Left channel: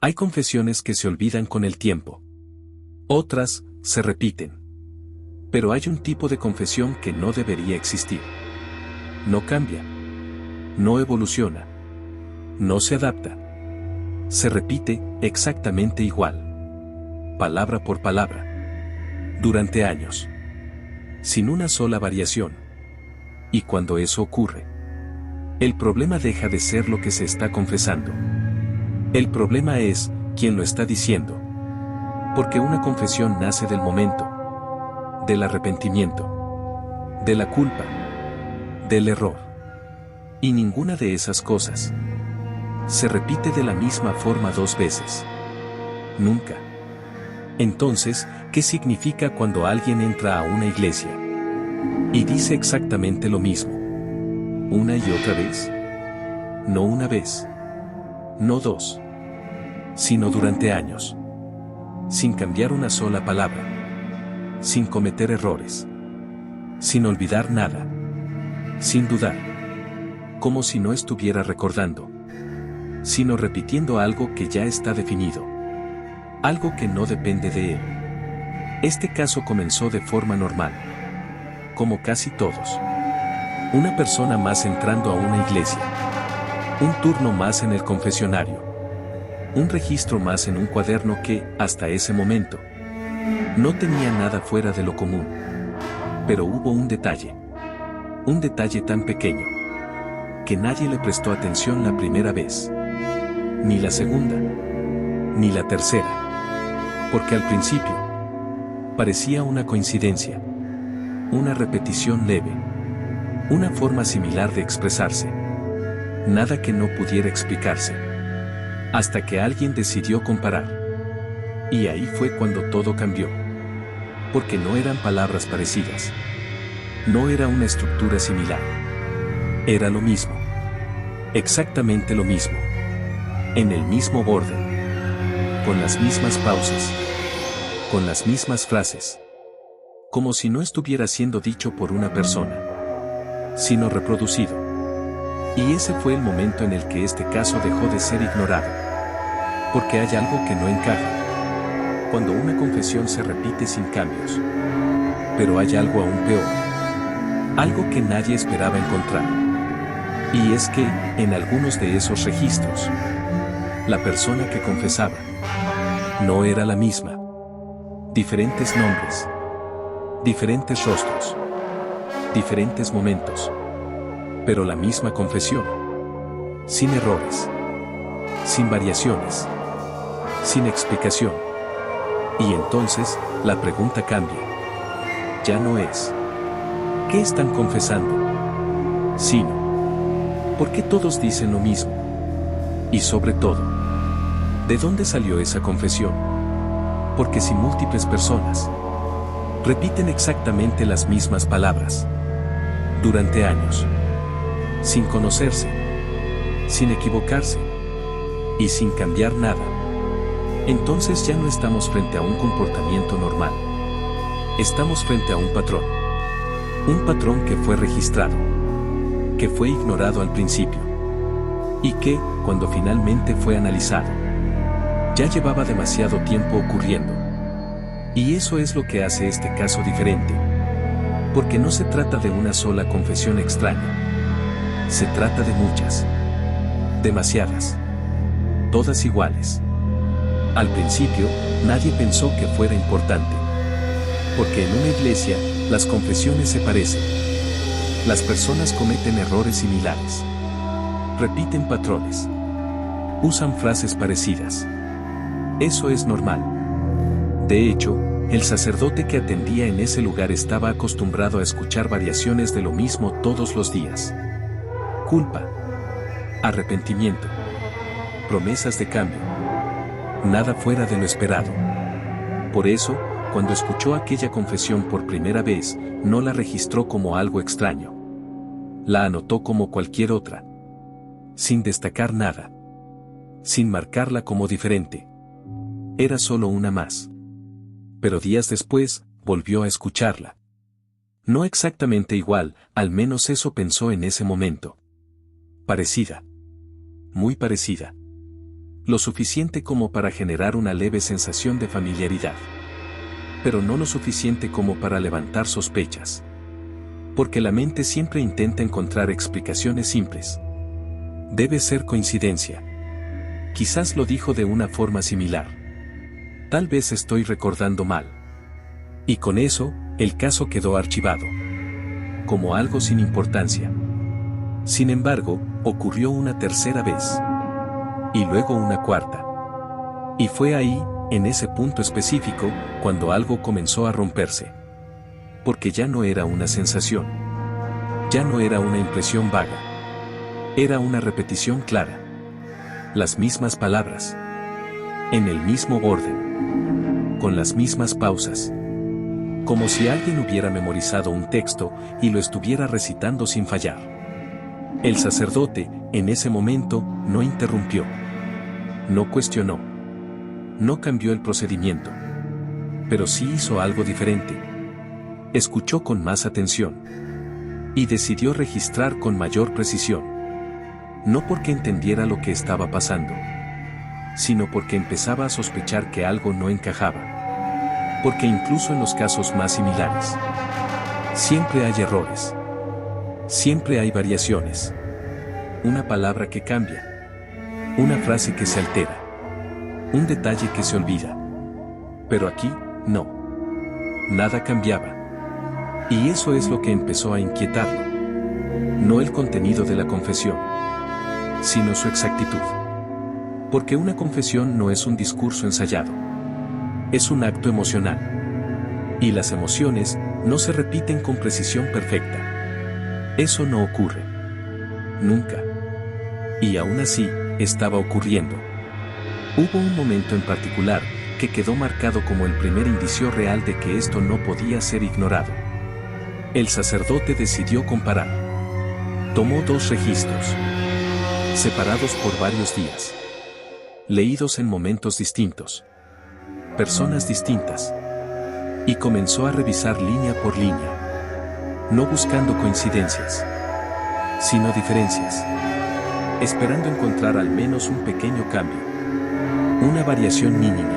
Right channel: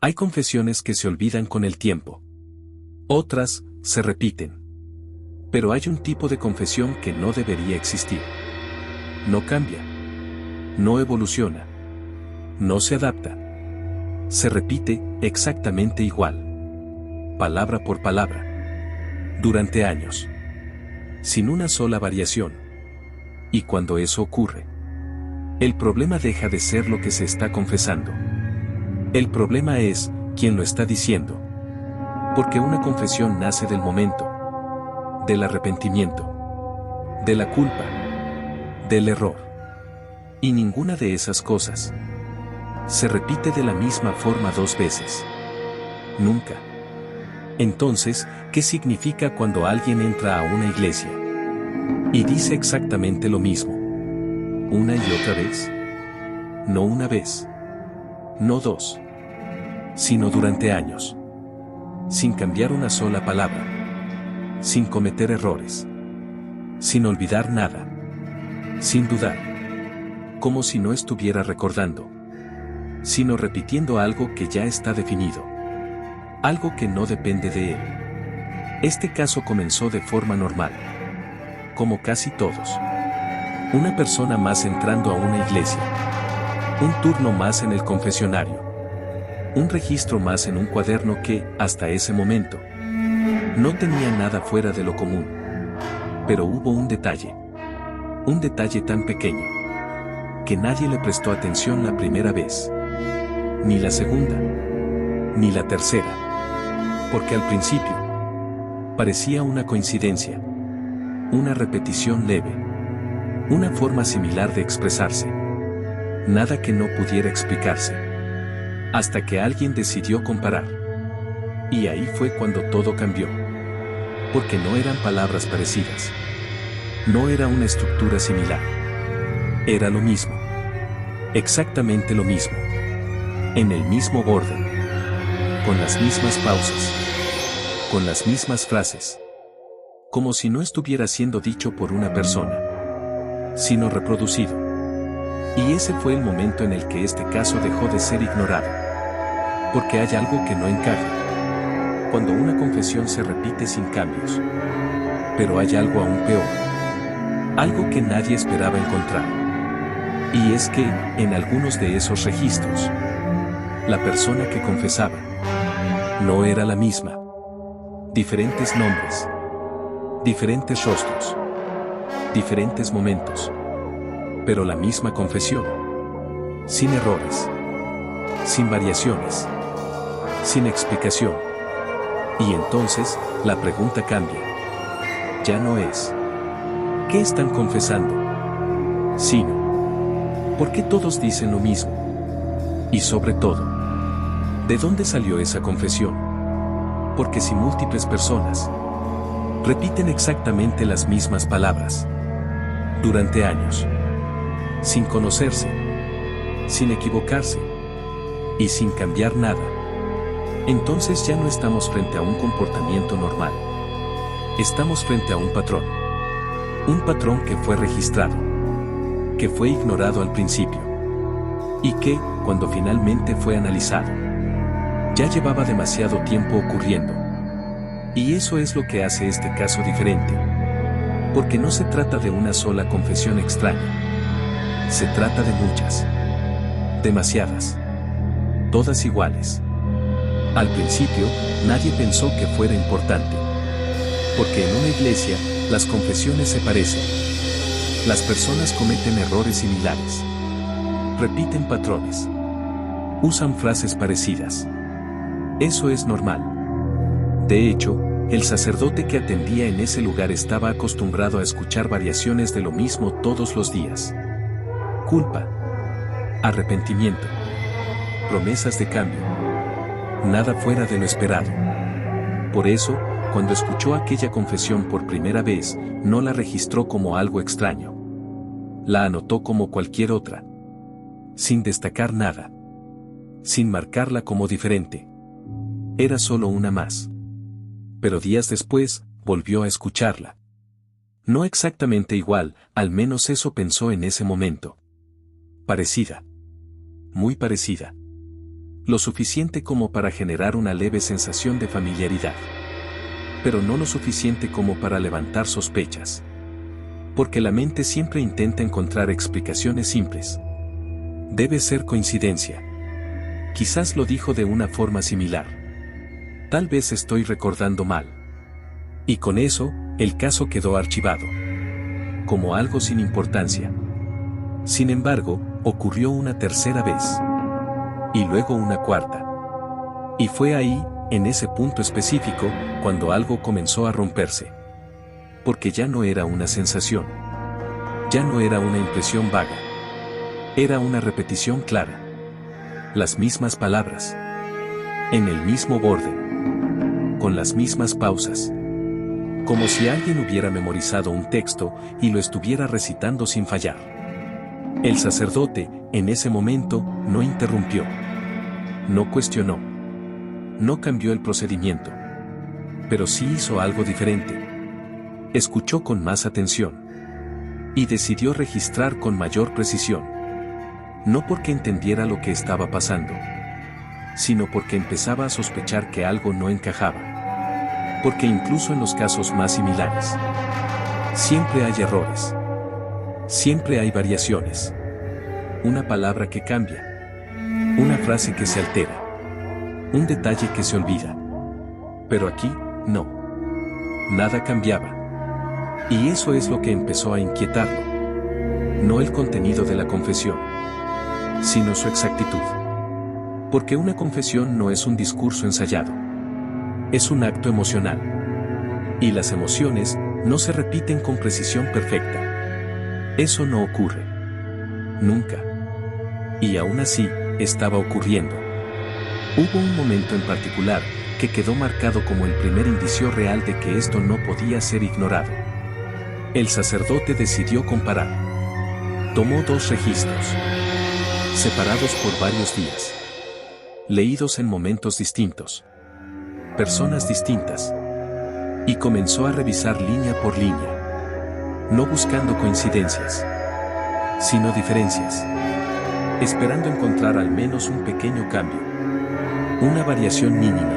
Hay confesiones que se olvidan con el tiempo. Otras, se repiten. Pero hay un tipo de confesión que no debería existir. No cambia. No evoluciona. No se adapta. Se repite exactamente igual. Palabra por palabra. Durante años. Sin una sola variación. Y cuando eso ocurre, el problema deja de ser lo que se está confesando. El problema es quién lo está diciendo. Porque una confesión nace del momento, del arrepentimiento, de la culpa, del error. Y ninguna de esas cosas se repite de la misma forma dos veces. Nunca. Entonces, ¿qué significa cuando alguien entra a una iglesia y dice exactamente lo mismo? ¿Una y otra vez? No una vez. No dos. Sino durante años. Sin cambiar una sola palabra. Sin cometer errores. Sin olvidar nada. Sin dudar. Como si no estuviera recordando. Sino repitiendo algo que ya está definido. Algo que no depende de él. Este caso comenzó de forma normal. Como casi todos. Una persona más entrando a una iglesia. Un turno más en el confesionario. Un registro más en un cuaderno que, hasta ese momento, no tenía nada fuera de lo común. Pero hubo un detalle. Un detalle tan pequeño. Que nadie le prestó atención la primera vez. Ni la segunda. Ni la tercera. Porque al principio parecía una coincidencia. Una repetición leve. Una forma similar de expresarse. Nada que no pudiera explicarse. Hasta que alguien decidió comparar. Y ahí fue cuando todo cambió. Porque no eran palabras parecidas. No era una estructura similar. Era lo mismo. Exactamente lo mismo. En el mismo orden. Con las mismas pausas. Con las mismas frases. Como si no estuviera siendo dicho por una persona. Sino reproducido. Y ese fue el momento en el que este caso dejó de ser ignorado. Porque hay algo que no encaja. Cuando una confesión se repite sin cambios. Pero hay algo aún peor. Algo que nadie esperaba encontrar. Y es que, en algunos de esos registros, la persona que confesaba no era la misma. Diferentes nombres. Diferentes rostros. Diferentes momentos. Pero la misma confesión. Sin errores. Sin variaciones. Sin explicación. Y entonces, la pregunta cambia. Ya no es ¿qué están confesando? Sino ¿por qué todos dicen lo mismo? Y sobre todo, ¿de dónde salió esa confesión? Porque si múltiples personas repiten exactamente las mismas palabras durante años, sin conocerse, sin equivocarse y sin cambiar nada, entonces ya no estamos frente a un comportamiento normal. Estamos frente a un patrón. Un patrón que fue registrado, que fue ignorado al principio y que, cuando finalmente fue analizado, ya llevaba demasiado tiempo ocurriendo. Y eso es lo que hace este caso diferente. Porque no se trata de una sola confesión extraña. Se trata de muchas. Demasiadas. Todas iguales. Al principio, nadie pensó que fuera importante. Porque en una iglesia, las confesiones se parecen. Las personas cometen errores similares. Repiten patrones. Usan frases parecidas. Eso es normal. De hecho, el sacerdote que atendía en ese lugar estaba acostumbrado a escuchar variaciones de lo mismo todos los días. Culpa. Arrepentimiento. Promesas de cambio. Nada fuera de lo esperado. Por eso, cuando escuchó aquella confesión por primera vez, no la registró como algo extraño. La anotó como cualquier otra. Sin destacar nada. Sin marcarla como diferente. Era solo una más. Pero días después, volvió a escucharla. No exactamente igual, al menos eso pensó en ese momento. Parecida. Muy parecida. Lo suficiente como para generar una leve sensación de familiaridad. Pero no lo suficiente como para levantar sospechas. Porque la mente siempre intenta encontrar explicaciones simples. Debe ser coincidencia. Quizás lo dijo de una forma similar. Tal vez estoy recordando mal. Y con eso, el caso quedó archivado. Como algo sin importancia. Sin embargo, ocurrió una tercera vez. Y luego una cuarta. Y fue ahí, en ese punto específico, cuando algo comenzó a romperse. Porque ya no era una sensación. Ya no era una impresión vaga. Era una repetición clara. Las mismas palabras. En el mismo orden. Con las mismas pausas. Como si alguien hubiera memorizado un texto y lo estuviera recitando sin fallar. El sacerdote, en ese momento, no interrumpió. No cuestionó. No cambió el procedimiento. Pero sí hizo algo diferente. Escuchó con más atención. Y decidió registrar con mayor precisión. No porque entendiera lo que estaba pasando, sino porque empezaba a sospechar que algo no encajaba. Porque incluso en los casos más similares, siempre hay errores. Siempre hay variaciones. Una palabra que cambia. Una frase que se altera. Un detalle que se olvida. Pero aquí, no. Nada cambiaba. Y eso es lo que empezó a inquietarlo. No el contenido de la confesión, sino su exactitud. Porque una confesión no es un discurso ensayado. Es un acto emocional. Y las emociones no se repiten con precisión perfecta. Eso no ocurre. Nunca. Y aún así, estaba ocurriendo. Hubo un momento en particular que quedó marcado como el primer indicio real de que esto no podía ser ignorado. El sacerdote decidió comparar. Tomó 2 registros, separados por varios días, leídos en momentos distintos, personas distintas, y comenzó a revisar línea por línea, no buscando coincidencias, sino diferencias, esperando encontrar al menos un pequeño cambio, una variación mínima,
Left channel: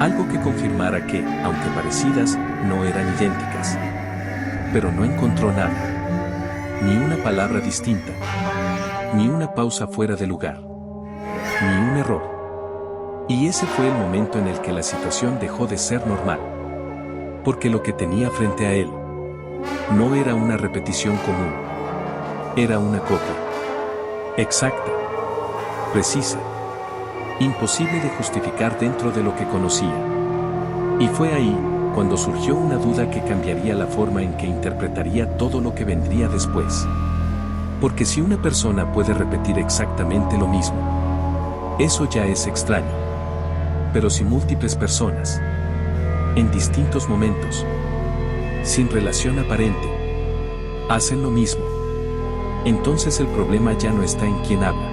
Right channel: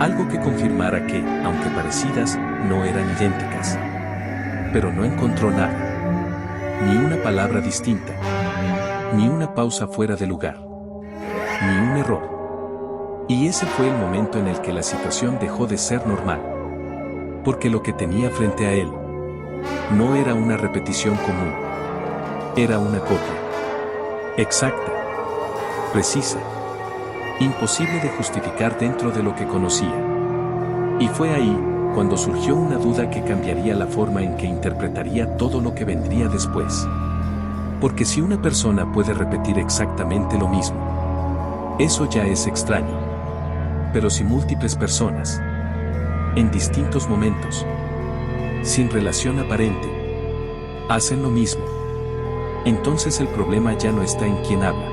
algo que confirmara que, aunque parecidas, no eran idénticas. Pero no encontró nada. Ni una palabra distinta. Ni una pausa fuera de lugar. Ni un error. Y ese fue el momento en el que la situación dejó de ser normal. Porque lo que tenía frente a él no era una repetición común. Era una copia. Exacta. Precisa. Imposible de justificar dentro de lo que conocía. Y fue ahí, cuando surgió una duda que cambiaría la forma en que interpretaría todo lo que vendría después. Porque si una persona puede repetir exactamente lo mismo, eso ya es extraño. Pero si múltiples personas, en distintos momentos, sin relación aparente, hacen lo mismo, entonces el problema ya no está en quién habla.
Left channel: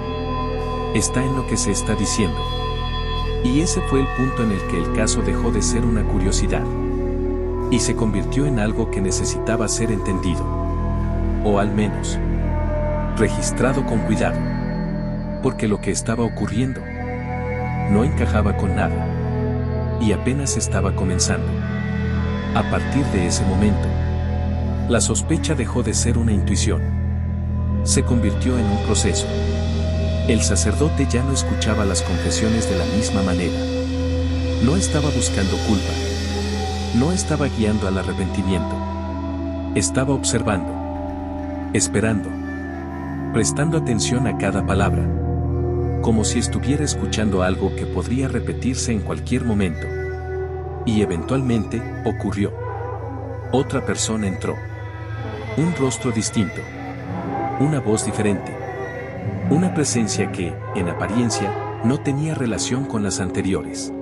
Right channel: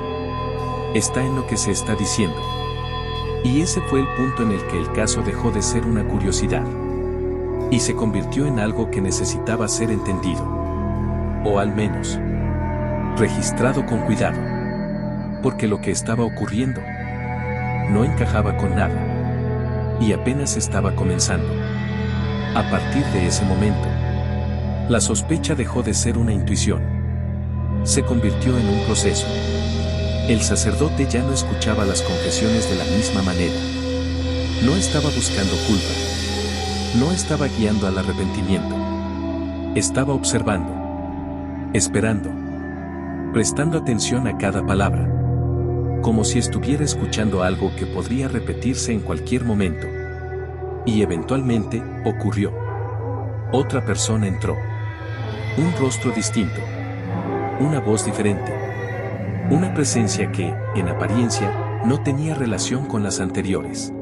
Está en lo que se está diciendo. Y ese fue el punto en el que el caso dejó de ser una curiosidad. Y se convirtió en algo que necesitaba ser entendido. O al menos, registrado con cuidado. Porque lo que estaba ocurriendo no encajaba con nada. Y apenas estaba comenzando. A partir de ese momento, la sospecha dejó de ser una intuición. Se convirtió en un proceso. El sacerdote ya no escuchaba las confesiones de la misma manera. No estaba buscando culpa. No estaba guiando al arrepentimiento. Estaba observando. Esperando. Prestando atención a cada palabra. Como si estuviera escuchando algo que podría repetirse en cualquier momento. Y eventualmente, ocurrió. Otra persona entró. Un rostro distinto. Una voz diferente. Una presencia que, en apariencia, no tenía relación con las anteriores.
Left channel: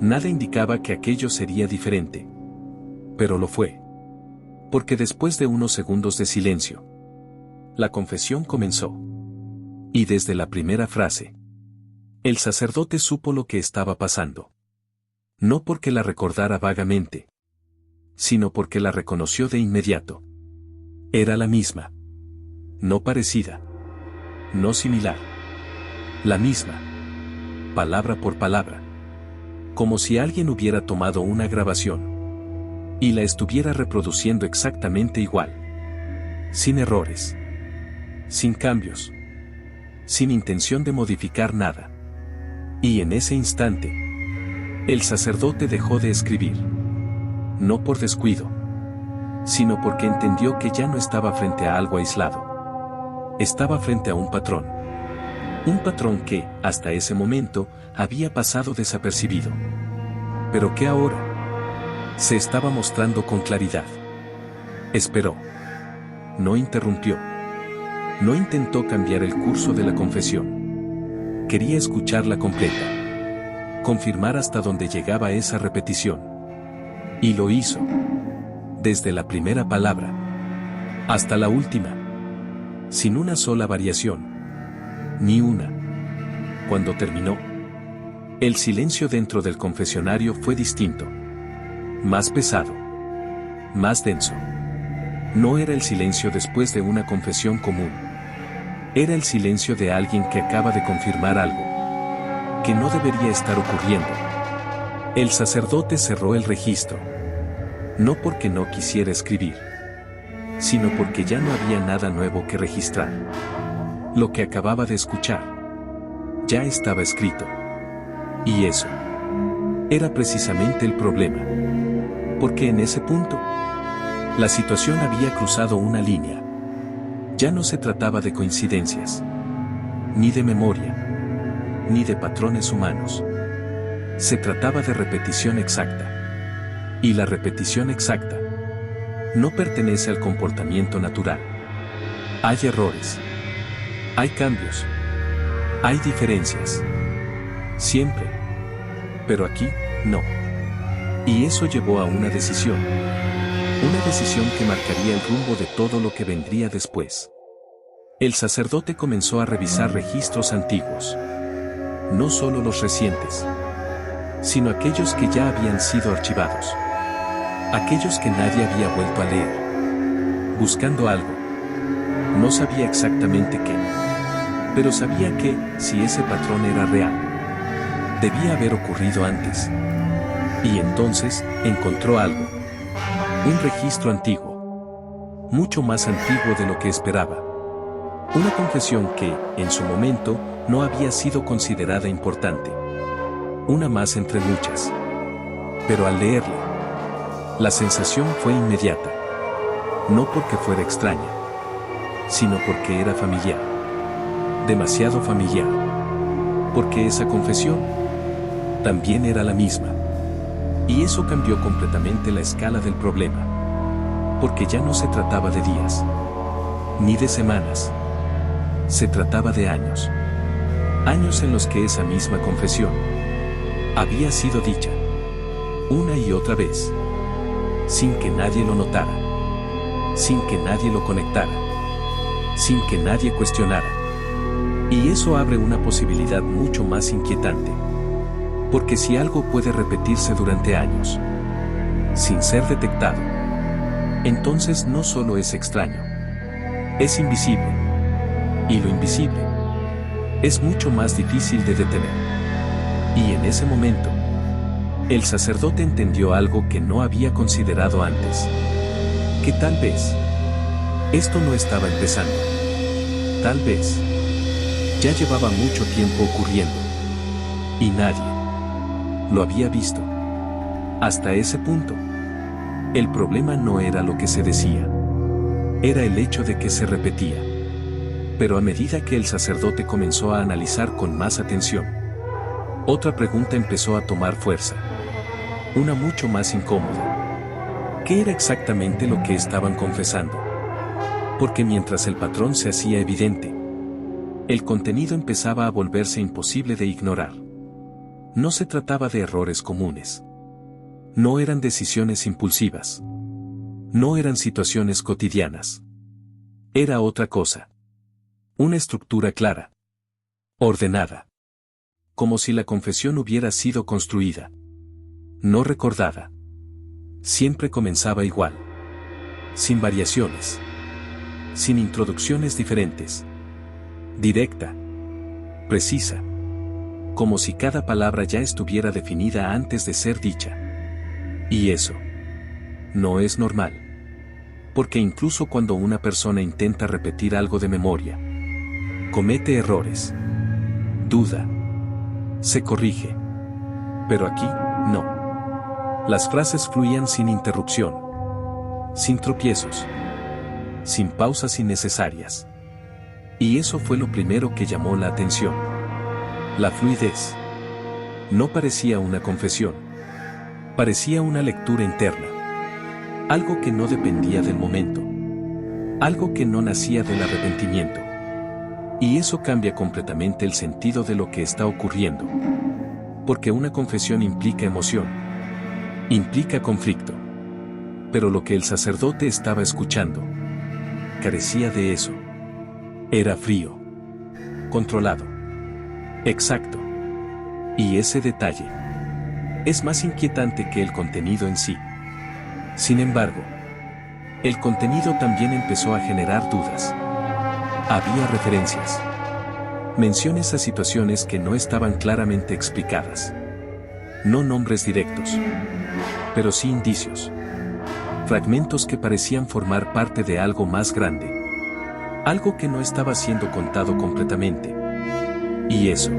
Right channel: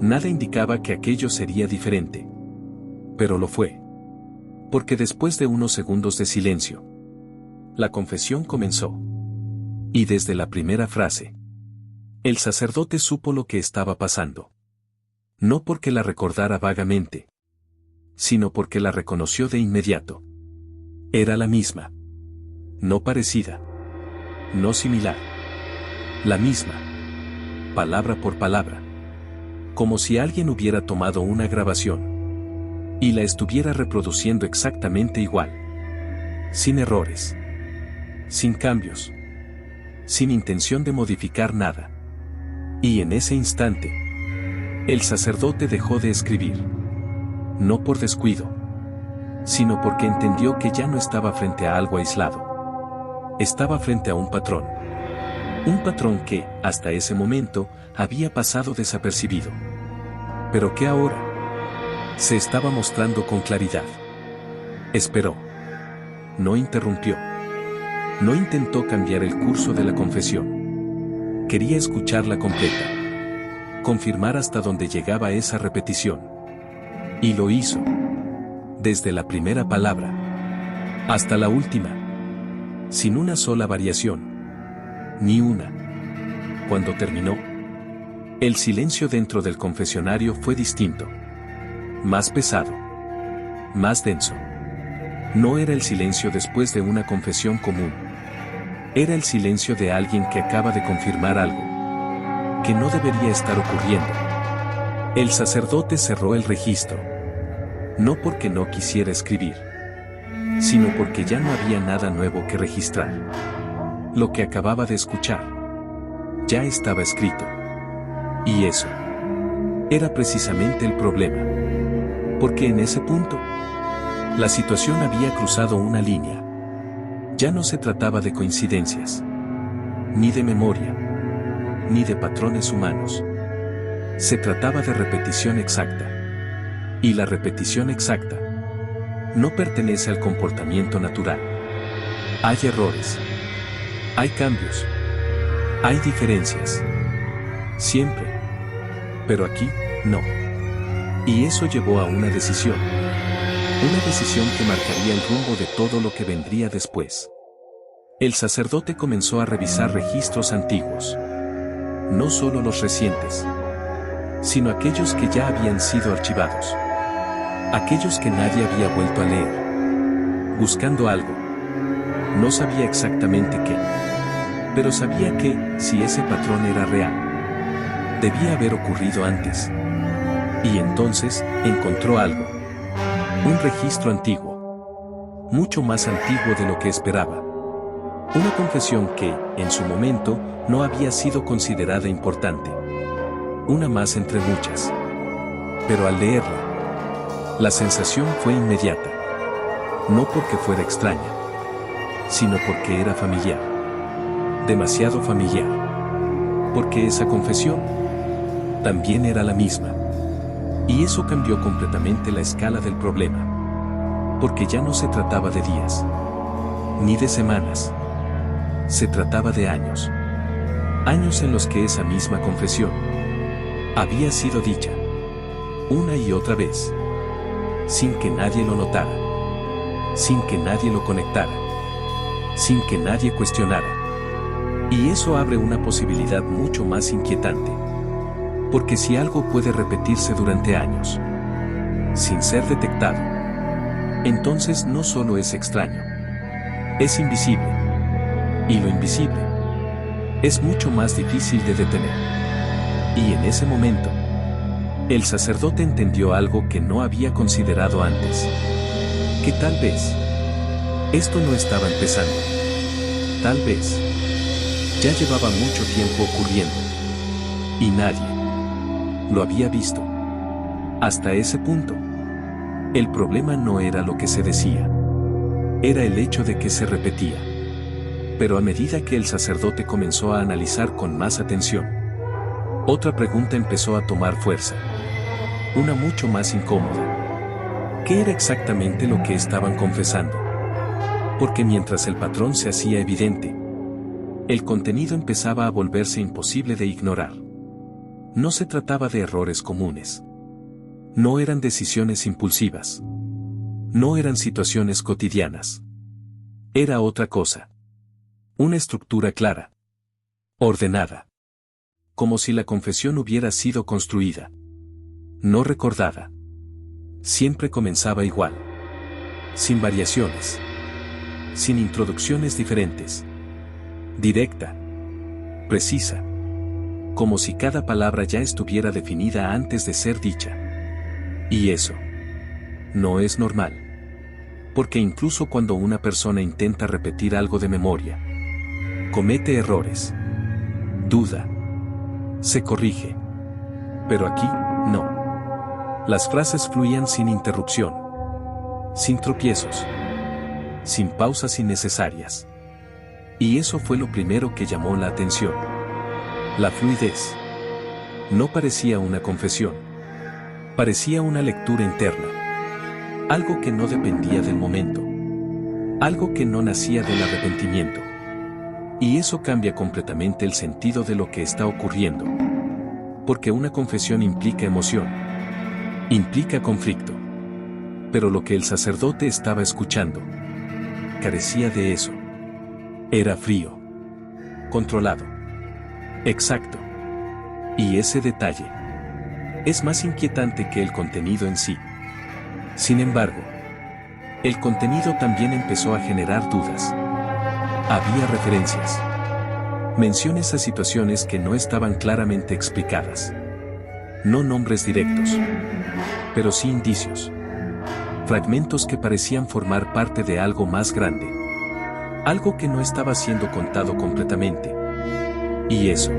Nada indicaba que aquello sería diferente. Pero lo fue. Porque después de unos segundos de silencio, la confesión comenzó. Y desde la primera frase, el sacerdote supo lo que estaba pasando. No porque la recordara vagamente, sino porque la reconoció de inmediato. Era la misma. No parecida. No similar. La misma. palabra por palabra. Como si alguien hubiera tomado una grabación y la estuviera reproduciendo exactamente igual. Sin errores. Sin cambios. Sin intención de modificar nada. Y en ese instante, el sacerdote dejó de escribir. No por descuido, sino porque entendió que ya no estaba frente a algo aislado. Estaba frente a un patrón. Un patrón que, hasta ese momento, había pasado desapercibido. Pero que ahora se estaba mostrando con claridad. Esperó. No interrumpió. No intentó cambiar el curso de la confesión. Quería escucharla completa. Confirmar hasta dónde llegaba esa repetición. Y lo hizo. Desde la primera palabra hasta la última. Sin una sola variación. Ni una. Cuando terminó, el silencio dentro del confesionario fue distinto. Más pesado. Más denso. No era el silencio después de una confesión común. Era el silencio de alguien que acaba de confirmar algo que no debería estar ocurriendo. El sacerdote cerró el registro. No porque no quisiera escribir, sino porque ya no había nada nuevo que registrar. Lo que acababa de escuchar ya estaba escrito. Y eso era precisamente el problema. Porque en ese punto, la situación había cruzado una línea. Ya no se trataba de coincidencias, ni de memoria, ni de patrones humanos. Se trataba de repetición exacta. Y la repetición exacta no pertenece al comportamiento natural. Hay errores. Hay cambios. Hay diferencias. Siempre. Pero aquí, no. Y eso llevó a una decisión. Una decisión que marcaría el rumbo de todo lo que vendría después. El sacerdote comenzó a revisar registros antiguos. No solo los recientes, sino aquellos que ya habían sido archivados. Aquellos que nadie había vuelto a leer. Buscando algo. No sabía exactamente qué. Pero sabía que, si ese patrón era real, debía haber ocurrido antes. Y entonces, encontró algo. Un registro antiguo. Mucho más antiguo de lo que esperaba. Una confesión que, en su momento, no había sido considerada importante. Una más entre muchas. Pero al leerla, la sensación fue inmediata. No porque fuera extraña, sino porque era familiar. Demasiado familiar. Porque esa confesión también era la misma. Y eso cambió completamente la escala del problema. Porque ya no se trataba de días, ni de semanas. Se trataba de años. Años en los que esa misma confesión había sido dicha una y otra vez, sin que nadie lo notara, sin que nadie lo conectara, sin que nadie cuestionara. Y eso abre una posibilidad mucho más inquietante. Porque si algo puede repetirse durante años, sin ser detectado, entonces no solo es extraño, es invisible. Y lo invisible es mucho más difícil de detener. Y en ese momento, el sacerdote entendió algo que no había considerado antes. Que tal vez esto no estaba empezando. Tal vez ya llevaba mucho tiempo ocurriendo. Y nadie lo había visto. Hasta ese punto, el problema no era lo que se decía. Era el hecho de que se repetía. Pero a medida que el sacerdote comenzó a analizar con más atención, otra pregunta empezó a tomar fuerza. Una mucho más incómoda. ¿Qué era exactamente lo que estaban confesando? Porque mientras el patrón se hacía evidente, el contenido empezaba a volverse imposible de ignorar. No se trataba de errores comunes. No eran decisiones impulsivas. No eran situaciones cotidianas. Era otra cosa. Una estructura clara. Ordenada. Como si la confesión hubiera sido construida. No recordada. Siempre comenzaba igual. Sin variaciones. Sin introducciones diferentes. Directa. Precisa. como si cada palabra ya estuviera definida antes de ser dicha. Y eso no es normal. Porque incluso cuando una persona intenta repetir algo de memoria, comete errores, duda, se corrige. Pero aquí, no. Las frases fluían sin interrupción, sin tropiezos, sin pausas innecesarias. Y eso fue lo primero que llamó la atención. La fluidez. No parecía una confesión. Parecía una lectura interna. Algo que no dependía del momento. Algo que no nacía del arrepentimiento. Y eso cambia completamente el sentido de lo que está ocurriendo. Porque una confesión implica emoción. Implica conflicto. Pero lo que el sacerdote estaba escuchando carecía de eso. Era frío. Controlado. Exacto. Y ese detalle es más inquietante que el contenido en sí. Sin embargo, el contenido también empezó a generar dudas. Había referencias. Menciones a situaciones que no estaban claramente explicadas. No nombres directos. Pero sí indicios. Fragmentos que parecían formar parte de algo más grande. Algo que no estaba siendo contado completamente. Y eso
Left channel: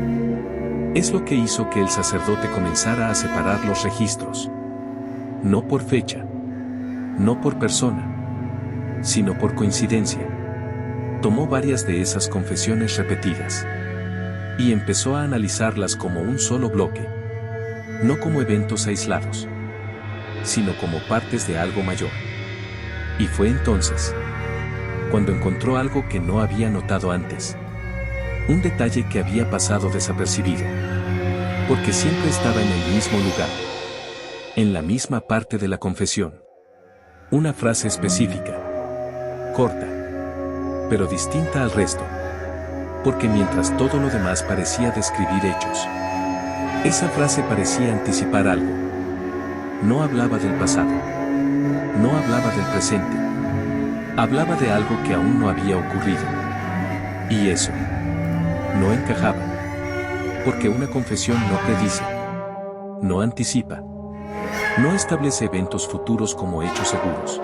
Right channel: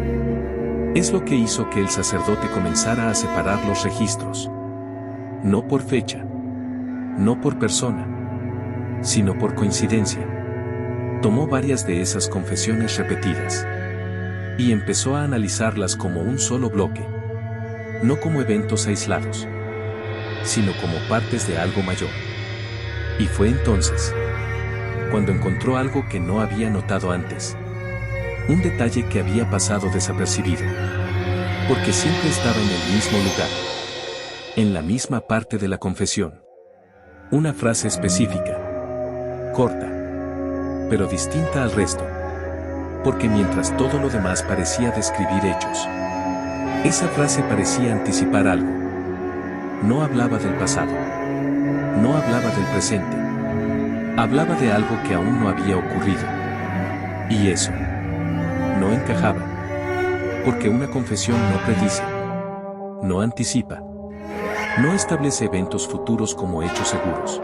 es lo que hizo que el sacerdote comenzara a separar los registros. No por fecha. No por persona. Sino por coincidencia. Tomó varias de esas confesiones repetidas. Y empezó a analizarlas como un solo bloque. No como eventos aislados. Sino como partes de algo mayor. Y fue entonces cuando encontró algo que no había notado antes. Un detalle que había pasado desapercibido. Porque siempre estaba en el mismo lugar. En la misma parte de la confesión. Una frase específica. Corta. Pero distinta al resto. Porque mientras todo lo demás parecía describir hechos, esa frase parecía anticipar algo. No hablaba del pasado. No hablaba del presente. Hablaba de algo que aún no había ocurrido. Y eso no encajaba. Porque una confesión no predice. No anticipa. No establece eventos futuros como hechos seguros.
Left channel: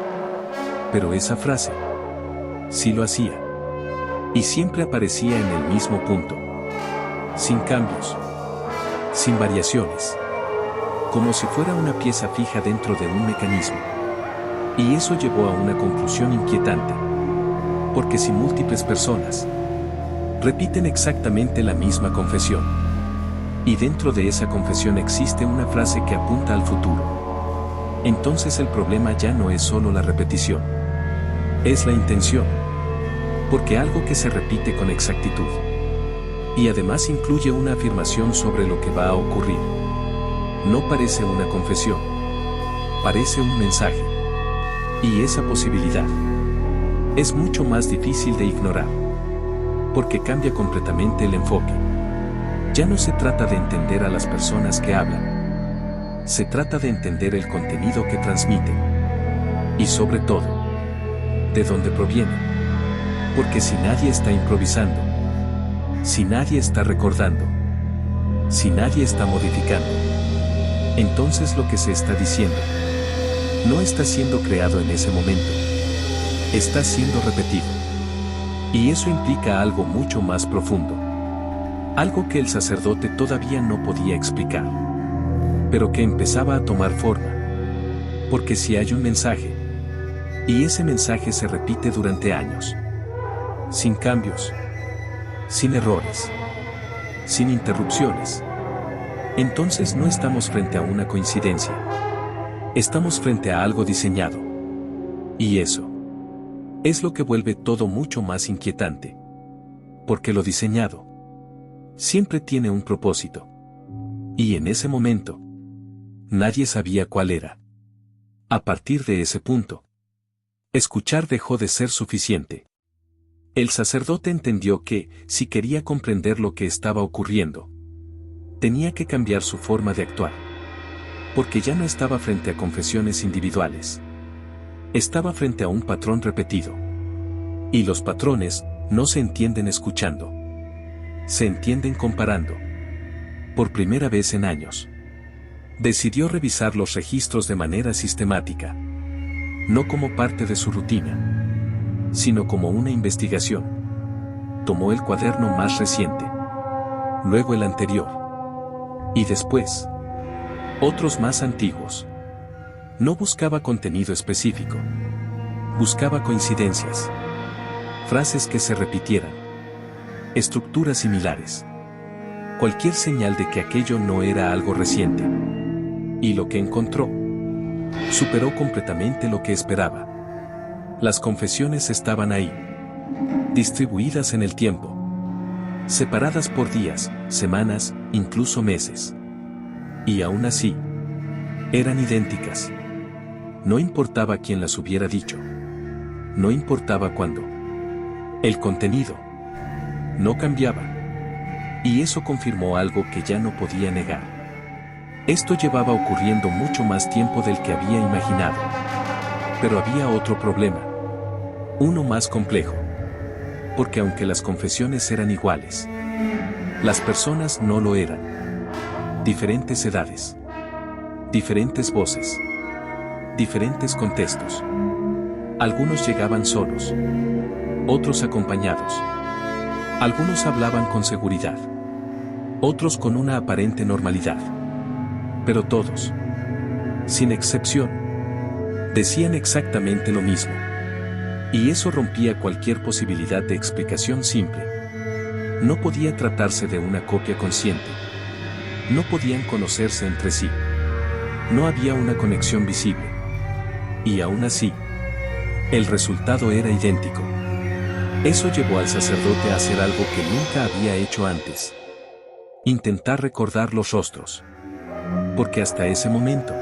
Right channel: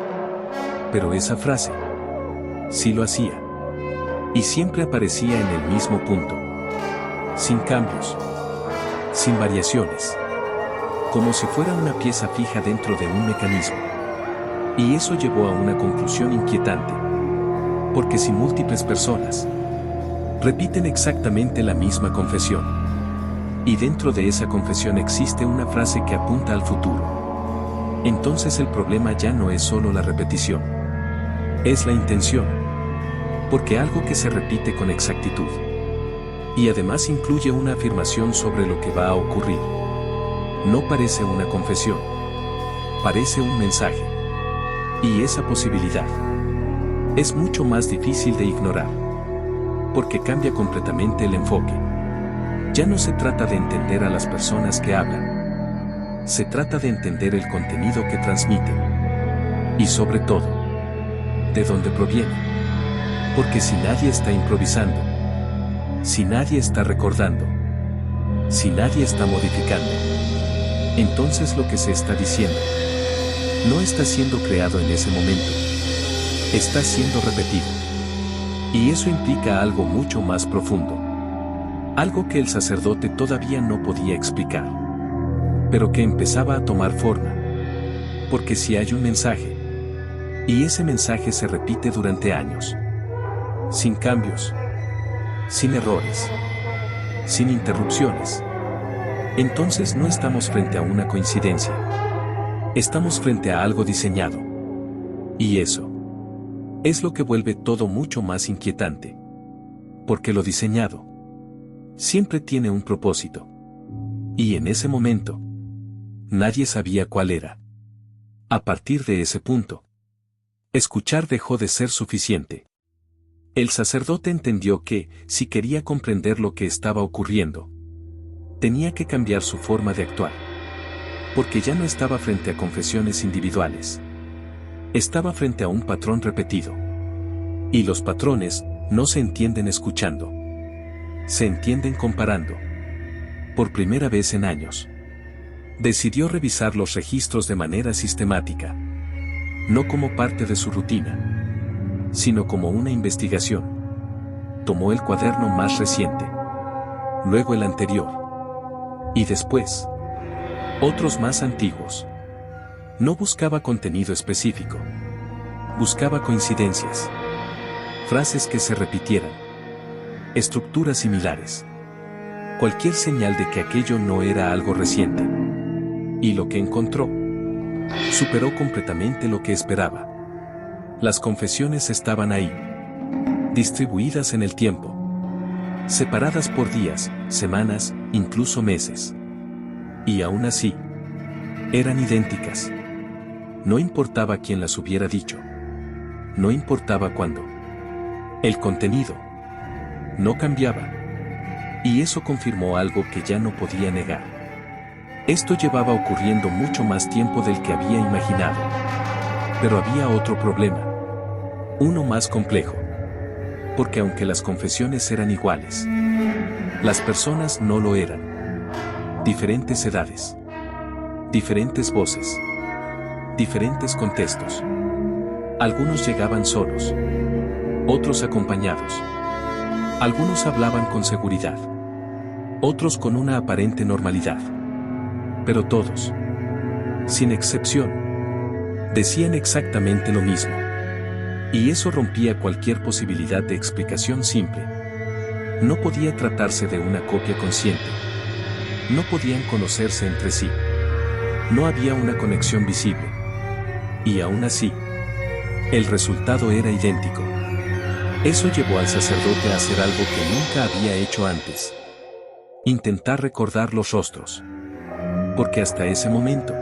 Pero esa frase sí lo hacía. Y siempre aparecía en el mismo punto. Sin cambios. Sin variaciones. Como si fuera una pieza fija dentro de un mecanismo. Y eso llevó a una conclusión inquietante. Porque si múltiples personas repiten exactamente la misma confesión, y dentro de esa confesión existe una frase que apunta al futuro, entonces el problema ya no es solo la repetición. Es la intención. Porque algo que se repite con exactitud. Y además incluye una afirmación sobre lo que va a ocurrir. No parece una confesión. Parece un mensaje. Y esa posibilidad es mucho más difícil de ignorar. Porque cambia completamente el enfoque. Ya no se trata de entender a las personas que hablan. Se trata de entender el contenido que transmiten. Y sobre todo, de dónde proviene. Porque si nadie está improvisando, si nadie está recordando, si nadie está modificando, entonces lo que se está diciendo no está siendo creado en ese momento. Está siendo repetido. Y eso implica algo mucho más profundo. Algo que el sacerdote todavía no podía explicar. Pero que empezaba a tomar forma. Porque si hay un mensaje, y ese mensaje se repite durante años, sin cambios, sin errores, sin interrupciones, entonces no estamos frente a una coincidencia. Estamos frente a algo diseñado. Y eso es lo que vuelve todo mucho más inquietante. Porque lo diseñado siempre tiene un propósito. Y en ese momento, nadie sabía cuál era. A partir de ese punto, escuchar dejó de ser suficiente. El sacerdote entendió que, si quería comprender lo que estaba ocurriendo, tenía que cambiar su forma de actuar. Porque ya no estaba frente a confesiones individuales. Estaba frente a un patrón repetido. Y los patrones no se entienden escuchando. Se entienden comparando. Por primera vez en años, decidió revisar los registros de manera sistemática. No como parte de su rutina, sino como una investigación. Tomó el cuaderno más reciente, luego el anterior, y después otros más antiguos. No buscaba contenido específico, buscaba coincidencias, frases que se repitieran, estructuras similares, cualquier señal de que aquello no era algo reciente. Y lo que encontró superó completamente lo que esperaba. Las confesiones estaban ahí, distribuidas en el tiempo, separadas por días, semanas, incluso meses. Y aún así, eran idénticas. No importaba quién las hubiera dicho. No importaba cuándo. El contenido no cambiaba. Y eso confirmó algo que ya no podía negar. Esto llevaba ocurriendo mucho más tiempo del que había imaginado. Pero había otro problema. Uno más complejo. Porque aunque las confesiones eran iguales, las personas no lo eran. Diferentes edades. Diferentes voces. Diferentes contextos. Algunos llegaban solos. Otros acompañados. Algunos hablaban con seguridad. Otros con una aparente normalidad. Pero todos, sin excepción, decían exactamente lo mismo. Y eso rompía cualquier posibilidad de explicación simple. No podía tratarse de una copia consciente. No podían conocerse entre sí. No había una conexión visible. Y aún así, el resultado era idéntico. Eso llevó al sacerdote a hacer algo que nunca había hecho antes. Intentar recordar los rostros. Porque hasta ese momento,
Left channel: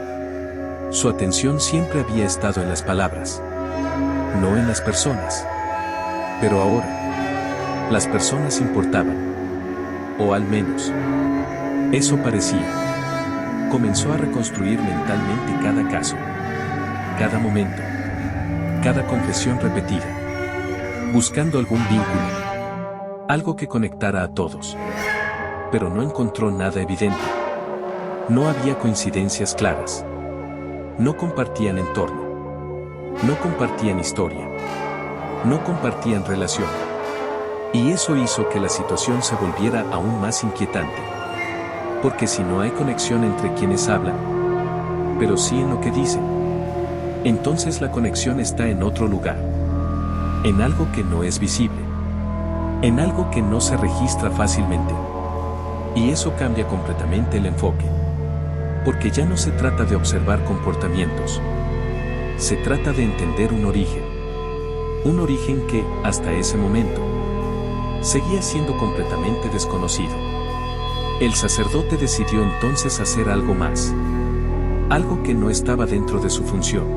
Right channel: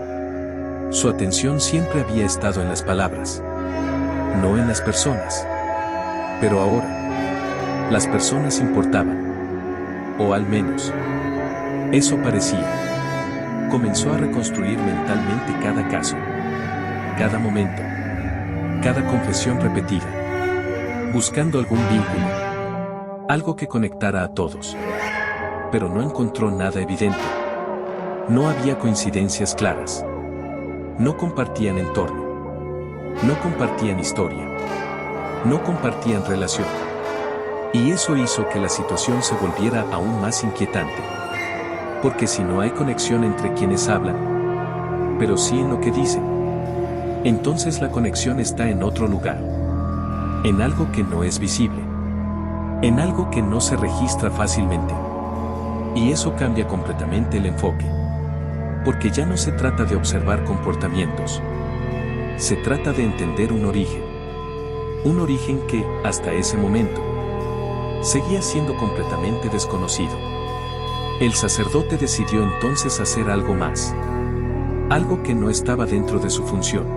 su atención siempre había estado en las palabras, no en las personas. Pero ahora, las personas importaban. O al menos, eso parecía. Comenzó a reconstruir mentalmente cada caso, cada momento, cada confesión repetida, buscando algún vínculo, algo que conectara a todos. Pero no encontró nada evidente. No había coincidencias claras. No compartían entorno. No compartían historia. No compartían relación. Y eso hizo que la situación se volviera aún más inquietante. Porque si no hay conexión entre quienes hablan, pero sí en lo que dicen, entonces la conexión está en otro lugar. En algo que no es visible. En algo que no se registra fácilmente. Y eso cambia completamente el enfoque. Porque ya no se trata de observar comportamientos. Se trata de entender un origen. Un origen que, hasta ese momento, seguía siendo completamente desconocido. El sacerdote decidió entonces hacer algo más. Algo que no estaba dentro de su función.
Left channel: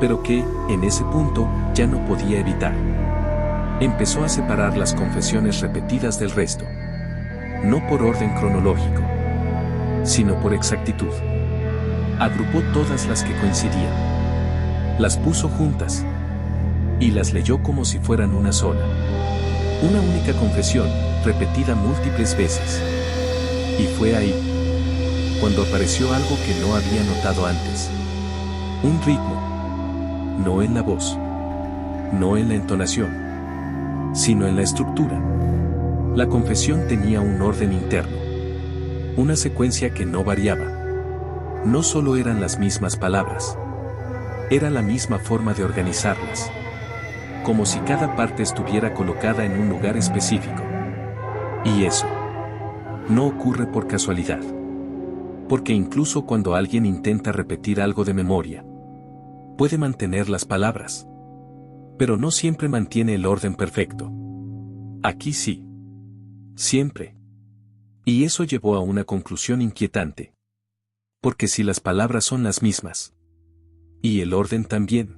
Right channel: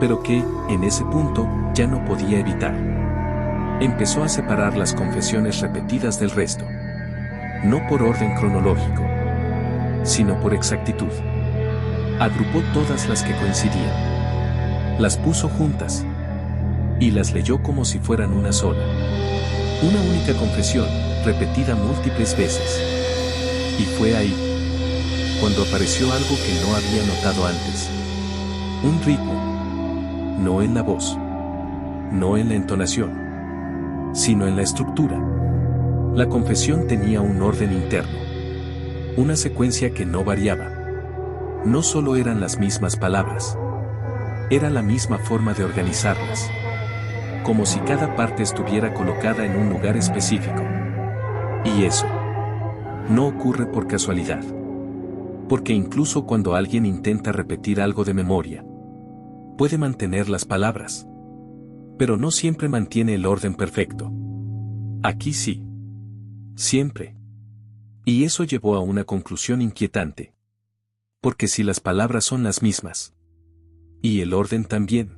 Pero que, en ese punto, ya no podía evitar. Empezó a separar las confesiones repetidas del resto. No por orden cronológico, sino por exactitud. Agrupó todas las que coincidían. Las puso juntas. Y las leyó como si fueran una sola. Una única confesión, repetida múltiples veces. Y fue ahí, cuando apareció algo que no había notado antes. Un ritmo. No en la voz. No en la entonación. Sino en la estructura. La confesión tenía un orden interno. Una secuencia que no variaba. No solo eran las mismas palabras. Era la misma forma de organizarlas. Como si cada parte estuviera colocada en un lugar específico. Y eso no ocurre por casualidad. Porque incluso cuando alguien intenta repetir algo de memoria, puede mantener las palabras. Pero no siempre mantiene el orden perfecto. Aquí sí. Siempre. Y eso llevó a una conclusión inquietante. Porque si las palabras son las mismas, y el orden también,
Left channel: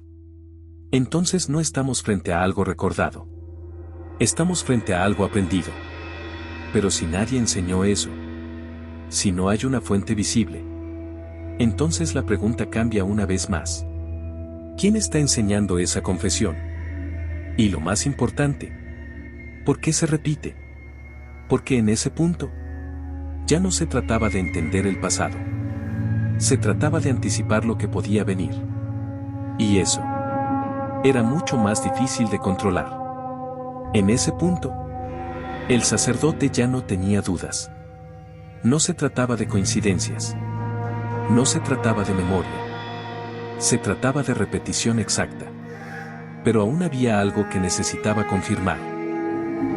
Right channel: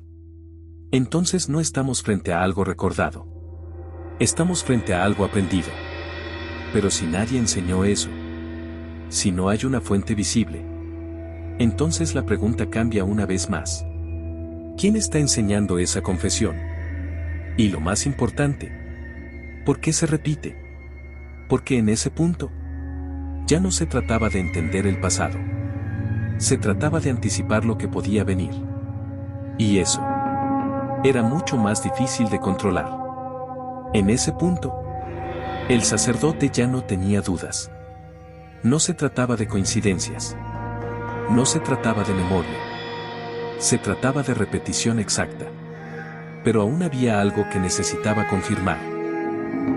entonces no estamos frente a algo recordado. Estamos frente a algo aprendido. Pero si nadie enseñó eso, si no hay una fuente visible, entonces la pregunta cambia una vez más. ¿Quién está enseñando esa confesión? Y lo más importante, ¿por qué se repite? Porque en ese punto, Ya no se trataba de entender el pasado. Se trataba de anticipar lo que podía venir. Y eso era mucho más difícil de controlar. En ese punto, el sacerdote ya no tenía dudas. No se trataba de coincidencias. No se trataba de memoria. Se trataba de repetición exacta. Pero aún había algo que necesitaba confirmar.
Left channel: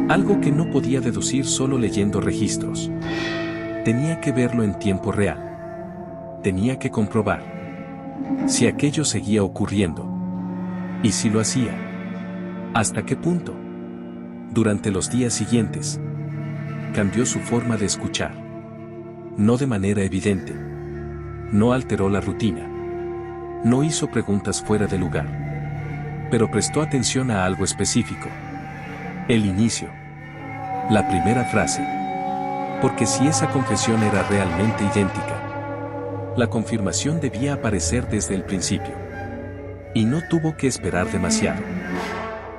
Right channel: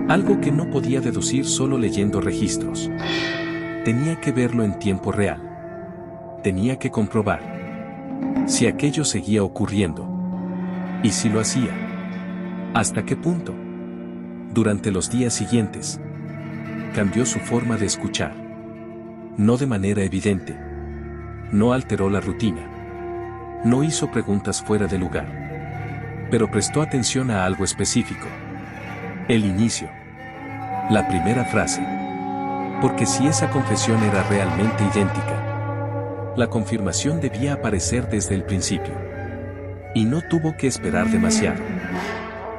Algo que no podía deducir solo leyendo registros. Tenía que verlo en tiempo real. Tenía que comprobar si aquello seguía ocurriendo. Y si lo hacía. ¿Hasta qué punto? Durante los días siguientes, cambió su forma de escuchar. No de manera evidente. No alteró la rutina. No hizo preguntas fuera de lugar. Pero prestó atención a algo específico. El inicio. La primera frase. Porque si esa confesión era realmente idéntica, la confirmación debía aparecer desde el principio. Y no tuvo que esperar demasiado.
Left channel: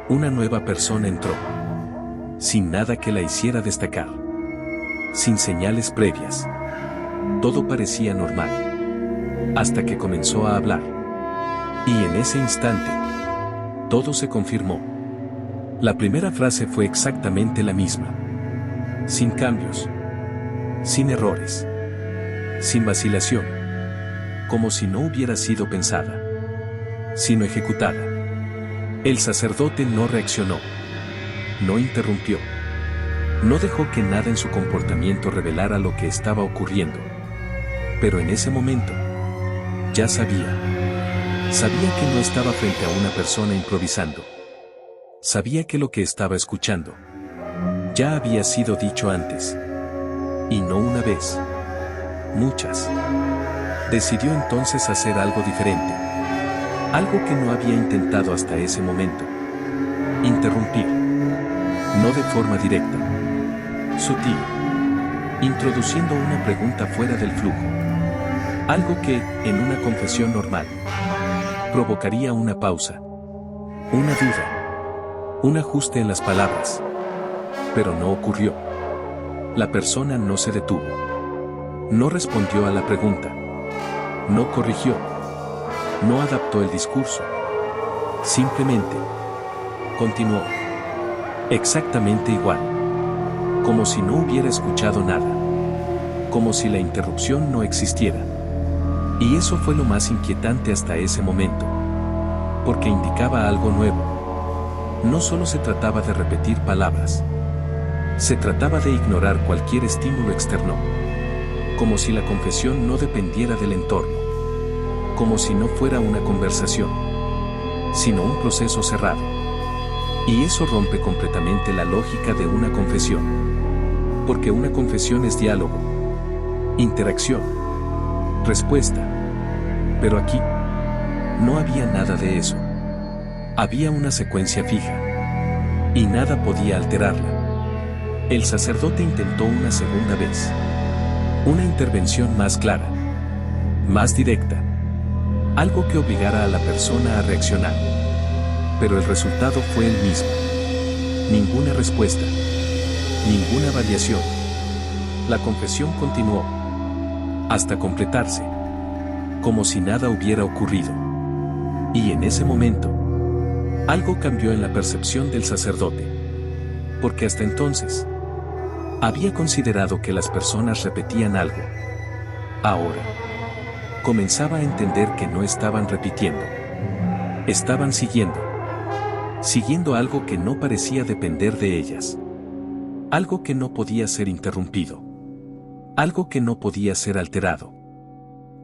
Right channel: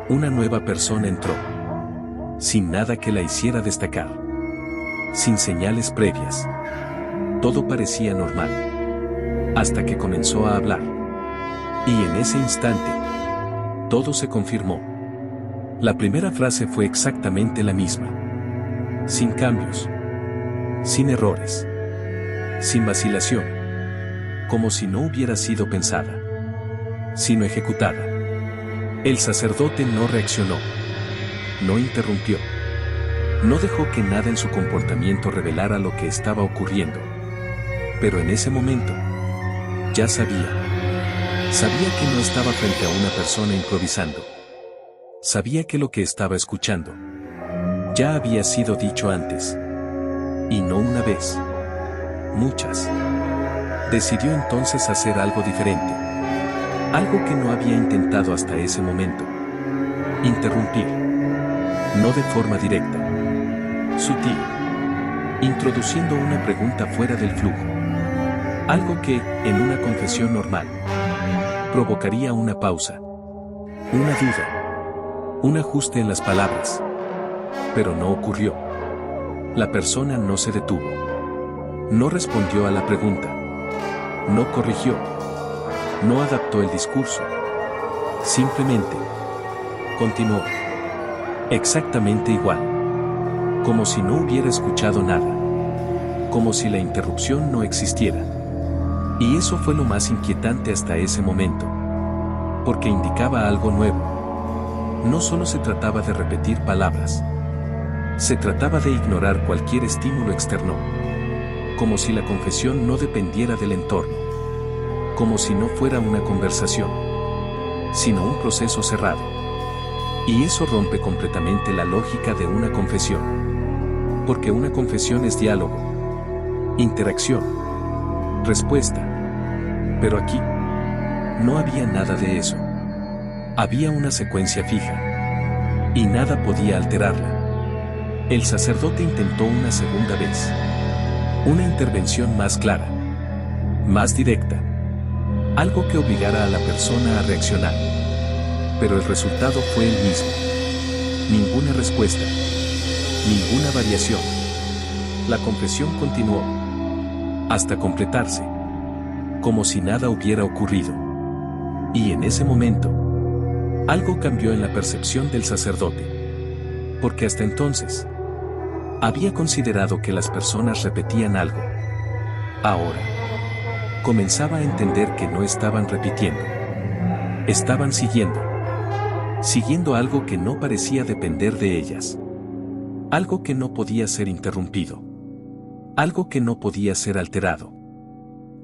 Una nueva persona entró. Sin nada que la hiciera destacar. Sin señales previas. Todo parecía normal. Hasta que comenzó a hablar. Y en ese instante, todo se confirmó. La primera frase fue exactamente la misma. Sin cambios. Sin errores. Sin vacilación. Como si no hubiera sido pensada, sino ejecutada. El sacerdote no reaccionó. No interrumpió. No dejó que nada en su comportamiento revelara lo que estaba ocurriendo. Pero en ese momento, ya sabía. Sabía que no estaba frente a una persona improvisando. Sabía que lo que estaba escuchando ya había sido dicho antes. Y no una vez. Muchas. Decidió entonces hacer algo diferente. Algo que no había intentado hasta ese momento. Interrumpir. No de forma directa. Sutil. Introduciendo una pregunta fuera del flujo. Algo que, en una confesión normal, provocaría una pausa. Una duda. Un ajuste en las palabras. Pero no ocurrió. La persona no se detuvo. No respondió a la pregunta. No corrigió. No adaptó el discurso. Simplemente continuó. Exactamente igual. Como si no hubiera escuchado nada. Como si la interrupción no existiera. Y eso fue lo más inquietante hasta ese momento. Porque indicaba algo nuevo. No solo se trataba de repetir palabras. Se trataba de ignorar cualquier estímulo externo. Como si la confesión no dependiera del entorno. Como si no fuera una conversación, sino un proceso cerrado. Y eso rompe completamente la lógica de una confesión. Porque una confesión es diálogo, interacción, respuesta. Pero aquí, no había nada de eso. Había una secuencia fija. Y nada podía alterarla. El sacerdote intentó una segunda vez. Una intervención más clara. Más directa. Algo que obligara a la persona a reaccionar. Pero el resultado fue el mismo. Ninguna respuesta. Ninguna variación. La confesión continuó. Hasta completarse. Como si nada hubiera ocurrido. Y en ese momento, algo cambió en la percepción del sacerdote. Porque hasta entonces, había considerado que las personas repetían algo. Ahora, comenzaba a entender que no estaban repitiendo. Estaban siguiendo. Siguiendo algo que no parecía depender de ellas. Algo que no podía ser interrumpido. Algo que no podía ser alterado.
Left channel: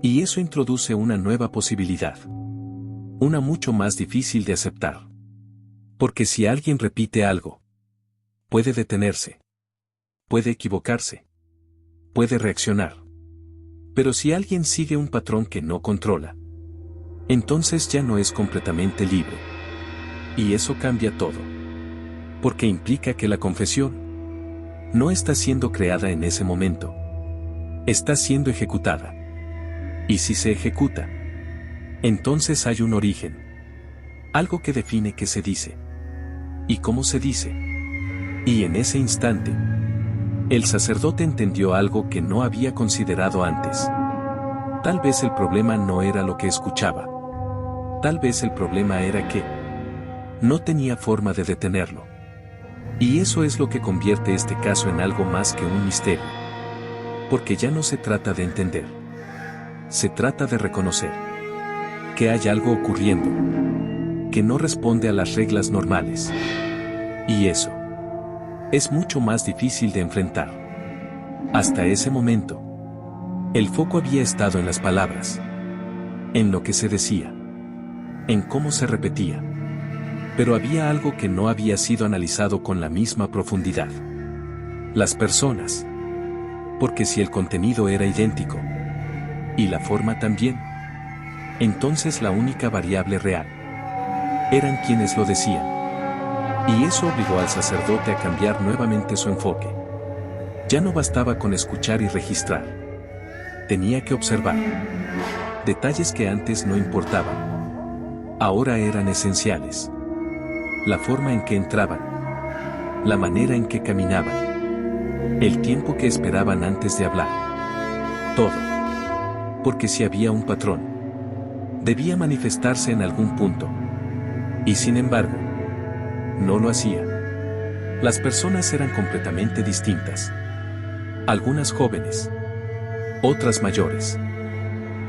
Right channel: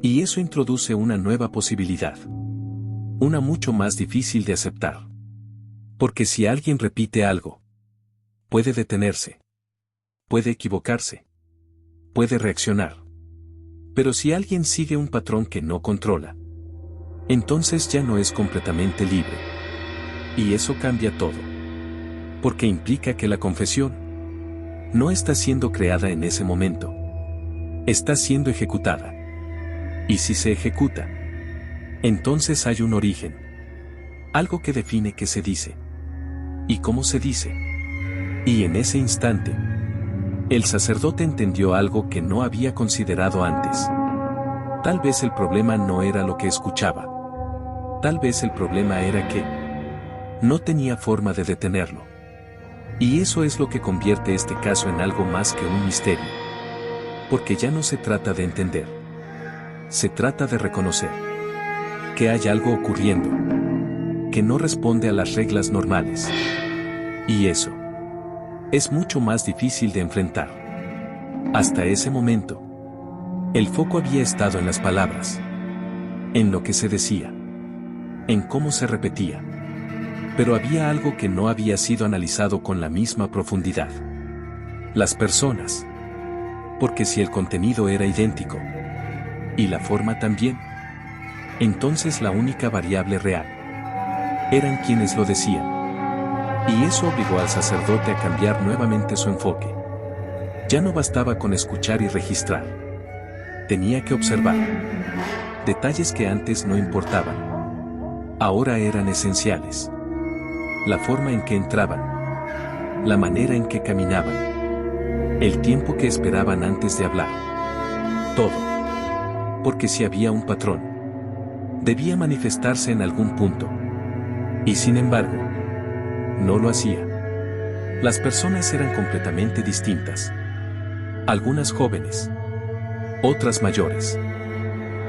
Y eso introduce una nueva posibilidad. Una mucho más difícil de aceptar. Porque si alguien repite algo, puede detenerse. Puede equivocarse. Puede reaccionar. Pero si alguien sigue un patrón que no controla, entonces ya no es completamente libre. Y eso cambia todo. Porque implica que la confesión no está siendo creada en ese momento. Está siendo ejecutada. Y si se ejecuta, entonces hay un origen. Algo que define qué se dice. Y cómo se dice. Y en ese instante, El sacerdote entendió algo que no había considerado antes. Tal vez el problema no era lo que escuchaba. Tal vez el problema era que no tenía forma de detenerlo. Y eso es lo que convierte este caso en algo más que un misterio. Porque ya no se trata de entender. Se trata de reconocer que hay algo ocurriendo que no responde a las reglas normales. Y eso es mucho más difícil de enfrentar. Hasta ese momento, el foco había estado en las palabras, en lo que se decía, en cómo se repetía. Pero había algo que no había sido analizado con la misma profundidad. Las personas. Porque si el contenido era idéntico, y la forma también, entonces la única variable real eran quienes lo decían. Y eso obligó al sacerdote a cambiar nuevamente su enfoque. Ya no bastaba con escuchar y registrar. Tenía que observar. Detalles que antes no importaban. Ahora eran esenciales. La forma en que entraban. La manera en que caminaban. El tiempo que esperaban antes de hablar. Todo. Porque si había un patrón, debía manifestarse en algún punto. Y sin embargo, no lo hacía. Las personas eran completamente distintas. Algunas jóvenes. Otras mayores.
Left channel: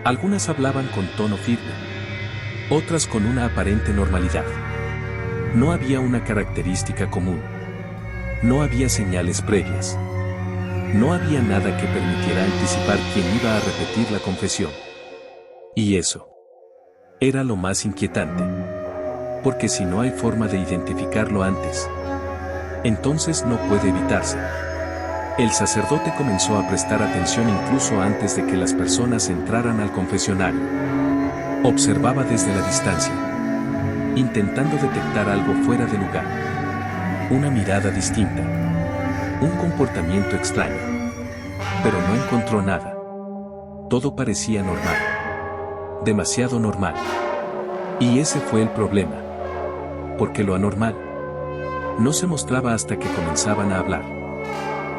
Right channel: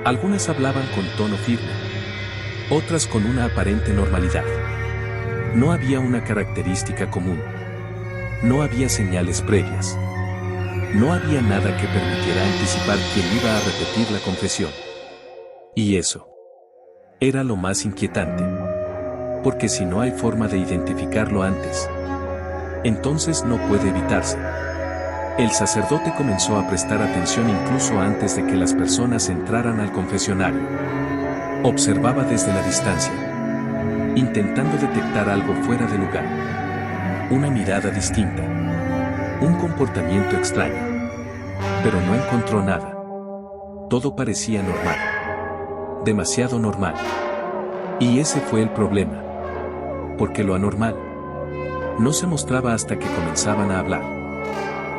Algunas hablaban con tono firme. Otras con una aparente normalidad. No había una característica común. No había señales previas. No había nada que permitiera anticipar quién iba a repetir la confesión. Y eso era lo más inquietante. Porque si no hay forma de identificarlo antes, entonces no puede evitarse. El sacerdote comenzó a prestar atención incluso antes de que las personas entraran al confesionario. Observaba desde la distancia, intentando detectar algo fuera de lugar. Una mirada distinta. Un comportamiento extraño. Pero no encontró nada. Todo parecía normal. Demasiado normal. Y ese fue el problema. Porque lo anormal no se mostraba hasta que comenzaban a hablar.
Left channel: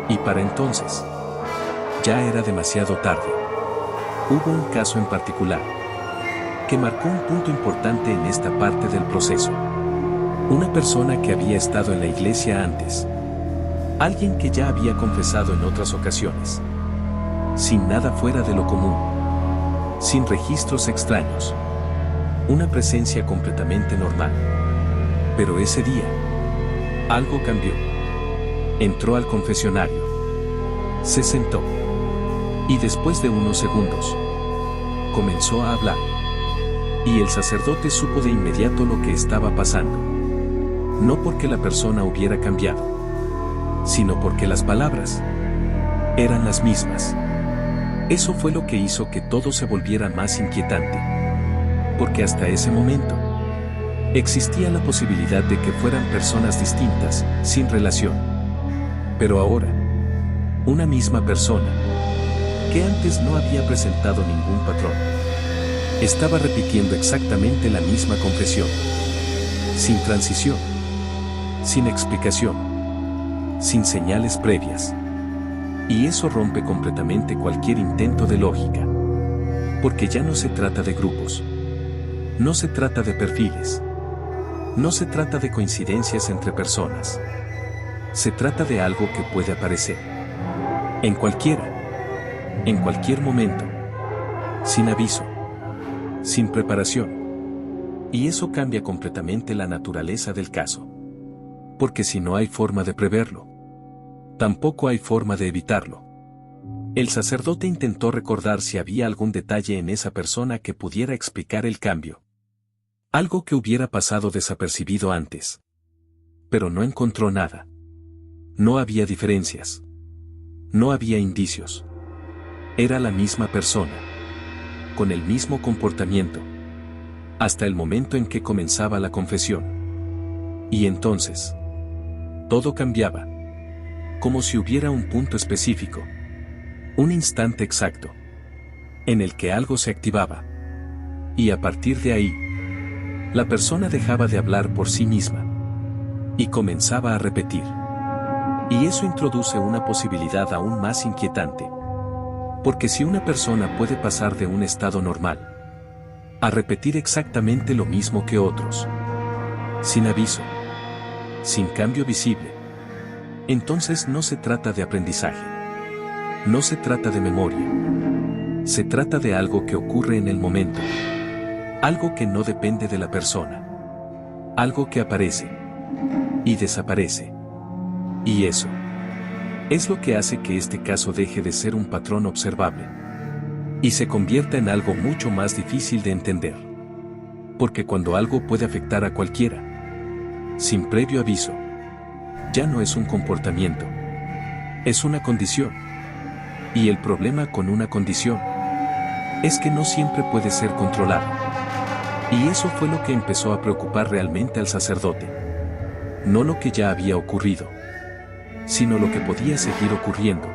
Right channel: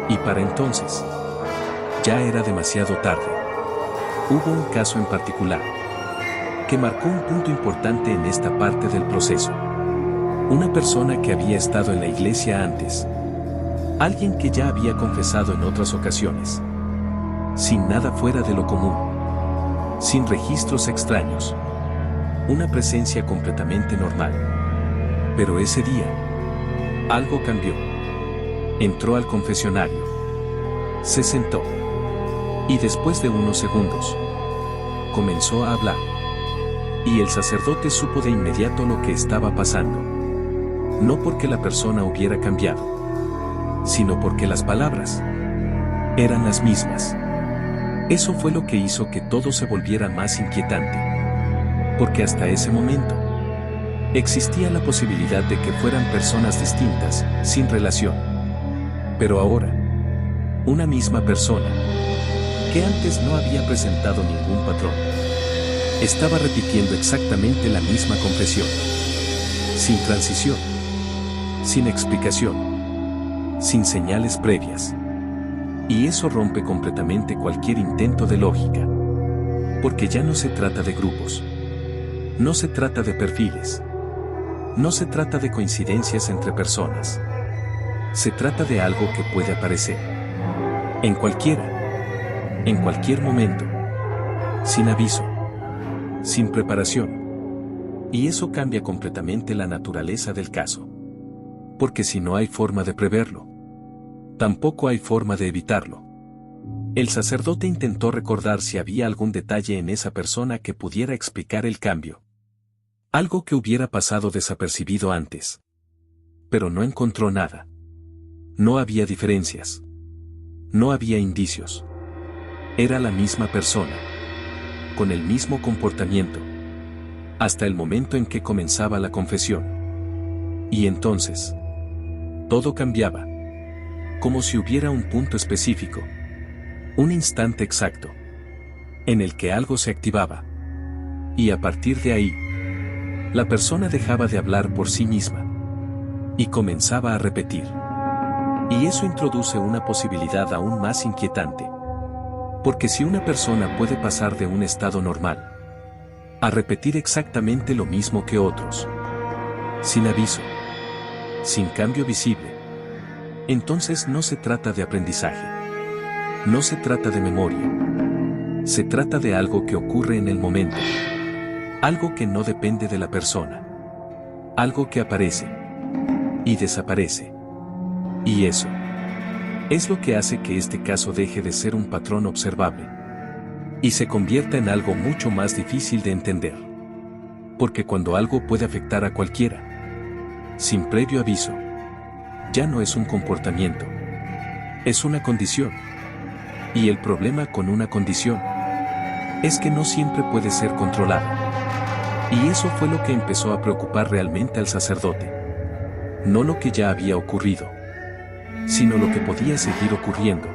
Y para entonces, ya era demasiado tarde. Hubo un caso en particular que marcó un punto importante en esta parte del proceso. Una persona que había estado en la iglesia antes. Alguien que ya había confesado en otras ocasiones. Sin nada fuera de lo común. Sin registros extraños. Una presencia completamente normal. Pero ese día, algo cambió. Entró al confesionario. Se sentó. Y después de unos segundos, comenzó a hablar. Y el sacerdote supo de inmediato lo que estaba pasando. No porque la persona hubiera cambiado, sino porque las palabras eran las mismas. Eso fue lo que hizo que todo se volviera más inquietante. Porque hasta ese momento, existía la posibilidad de que fueran personas distintas, sin relación. Pero ahora, una misma persona, que antes no había presentado ningún patrón, estaba repitiendo exactamente la misma confesión. Sin transición. Sin explicación. Sin señales previas. Y eso rompe completamente cualquier intento de lógica. Porque ya no se trata de grupos. No se trata de perfiles. No se trata de coincidencias entre personas. Se trata de algo que puede aparecer. En cualquiera. En cualquier momento. Sin aviso. Sin preparación. Y eso cambia completamente la naturaleza del caso. Porque si no hay forma de preverlo, tampoco hay forma de evitarlo. El sacerdote intentó recordar si había algún detalle en esa persona que pudiera explicar el cambio. Algo que hubiera pasado desapercibido antes. Pero no encontró nada. No había diferencias. No había indicios. Era la misma persona. Con el mismo comportamiento. Hasta el momento en que comenzaba la confesión. Y entonces, todo cambiaba. Como si hubiera un punto específico. Un instante exacto. En el que algo se activaba. Y a partir de ahí, la persona dejaba de hablar por sí misma. Y comenzaba a repetir. Y eso introduce una posibilidad aún más inquietante. Porque si una persona puede pasar de un estado normal a repetir exactamente lo mismo que otros, sin aviso, sin cambio visible, entonces no se trata de aprendizaje. No se trata de memoria. Se trata de algo que ocurre en el momento. Algo que no depende de la persona. Algo que aparece y desaparece. Y eso es lo que hace que este caso deje de ser un patrón observable y se convierta en algo mucho más difícil de entender. Porque cuando algo puede afectar a cualquiera, sin previo aviso, ya no es un comportamiento, es una condición. Y el problema con una condición es que no siempre puede ser controlada. Y eso fue lo que empezó a preocupar realmente al sacerdote. No lo que ya había ocurrido, sino lo que podía seguir ocurriendo.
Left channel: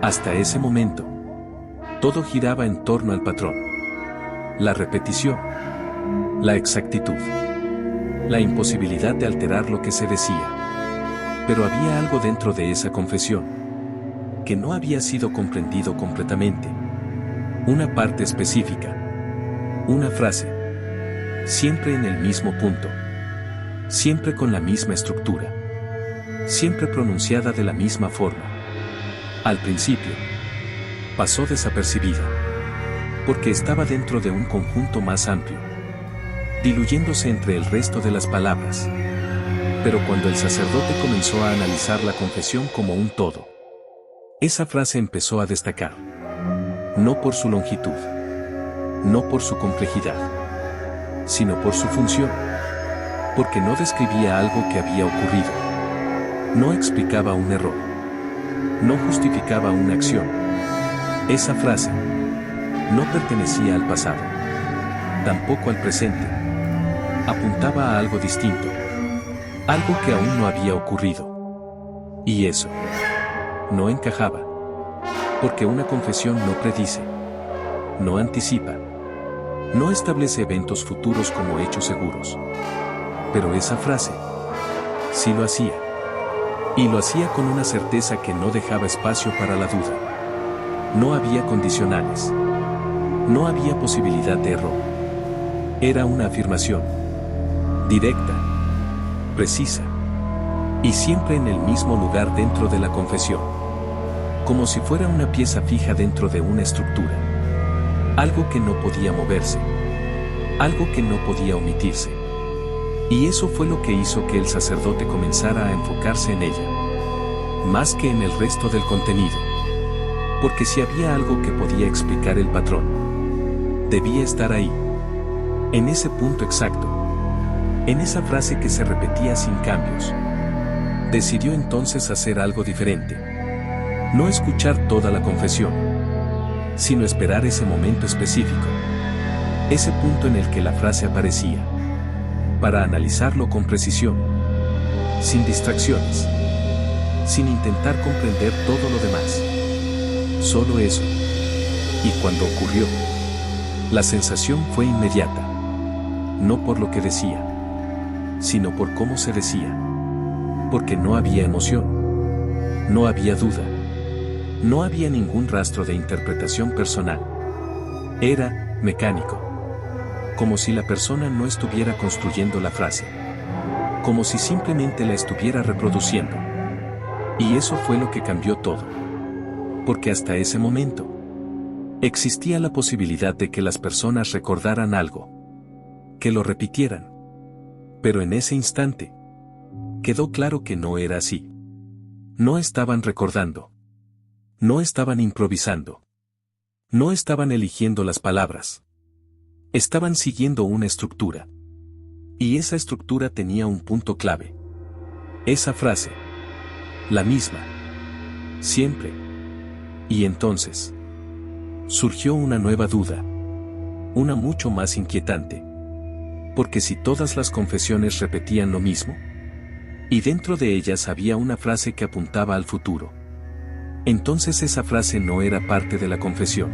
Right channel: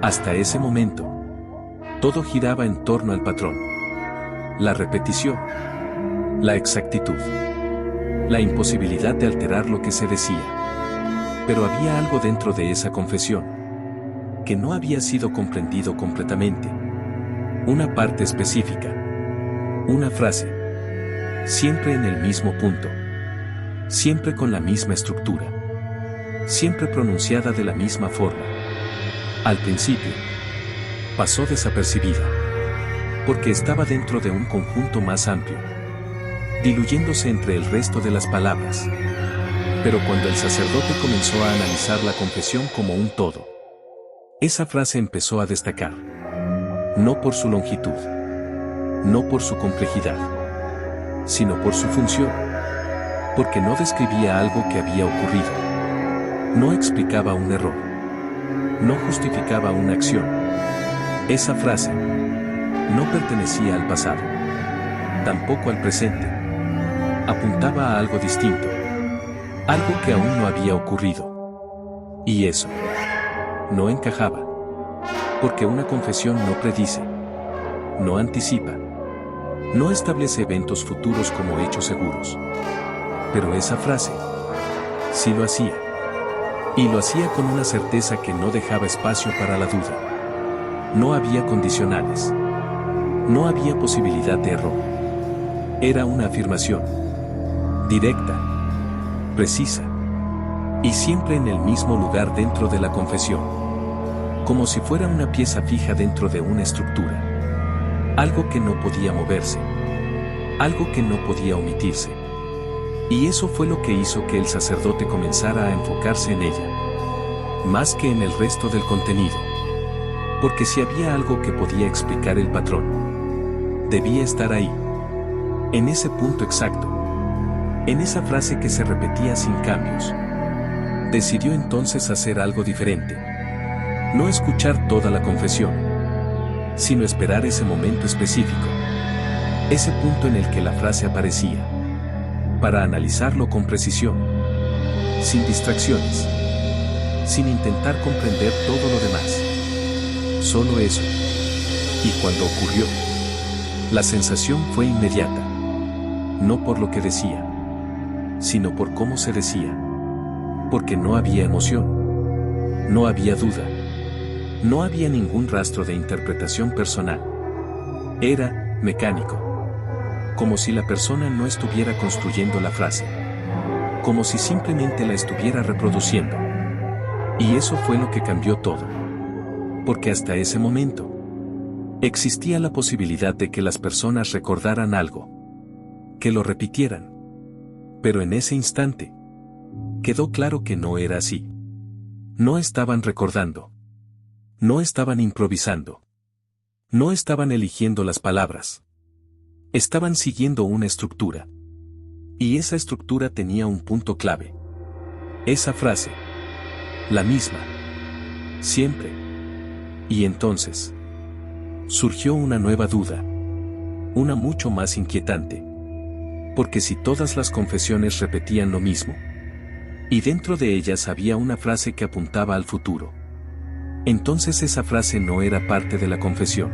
Hasta ese momento, todo giraba en torno al patrón. La repetición. La exactitud. La imposibilidad de alterar lo que se decía. Pero había algo dentro de esa confesión que no había sido comprendido completamente. Una parte específica. Una frase. Siempre en el mismo punto. Siempre con la misma estructura. Siempre pronunciada de la misma forma. Al principio, pasó desapercibida. Porque estaba dentro de un conjunto más amplio, diluyéndose entre el resto de las palabras. Pero cuando el sacerdote comenzó a analizar la confesión como un todo, esa frase empezó a destacar. No por su longitud, no por su complejidad, sino por su función. Porque no describía algo que había ocurrido. No explicaba un error. No justificaba una acción. Esa frase no pertenecía al pasado, tampoco al presente. Apuntaba a algo distinto, algo que aún no había ocurrido. Y eso no encajaba, porque una confesión no predice, no anticipa, no establece eventos futuros como hechos seguros. Pero esa frase sí lo hacía. Y lo hacía con una certeza que no dejaba espacio para la duda. No había condicionales. No había posibilidad de error. Era una afirmación. Directa. Precisa. Y siempre en el mismo lugar dentro de la confesión. Como si fuera una pieza fija dentro de una estructura. Algo que no podía moverse. Algo que no podía omitirse. Y eso fue lo que hizo que el sacerdote comenzara a enfocarse en ella. Más que en el resto del contenido. Porque si había algo que podía explicar el patrón, debía estar ahí. En ese punto exacto. En esa frase que se repetía sin cambios. Decidió entonces hacer algo diferente. No escuchar toda la confesión, sino esperar ese momento específico. Ese punto en el que la frase aparecía. Para analizarlo con precisión. Sin distracciones. Sin intentar comprender todo lo demás. Solo eso. Y cuando ocurrió, la sensación fue inmediata. No por lo que decía, sino por cómo se decía. Porque no había emoción. No había duda. No había ningún rastro de interpretación personal. Era mecánico. Como si la persona no estuviera construyendo la frase. Como si simplemente la estuviera reproduciendo. Y eso fue lo que cambió todo. Porque hasta ese momento, existía la posibilidad de que las personas recordaran algo. Que lo repitieran. Pero en ese instante, quedó claro que no era así. No estaban recordando. No estaban improvisando. No estaban eligiendo las palabras. Estaban siguiendo una estructura. Y esa estructura tenía un punto clave. Esa frase. La misma. Siempre. Y entonces, surgió una nueva duda. Una mucho más inquietante. Porque si todas las confesiones repetían lo mismo, y dentro de ellas había una frase que apuntaba al futuro, entonces esa frase no era parte de la confesión.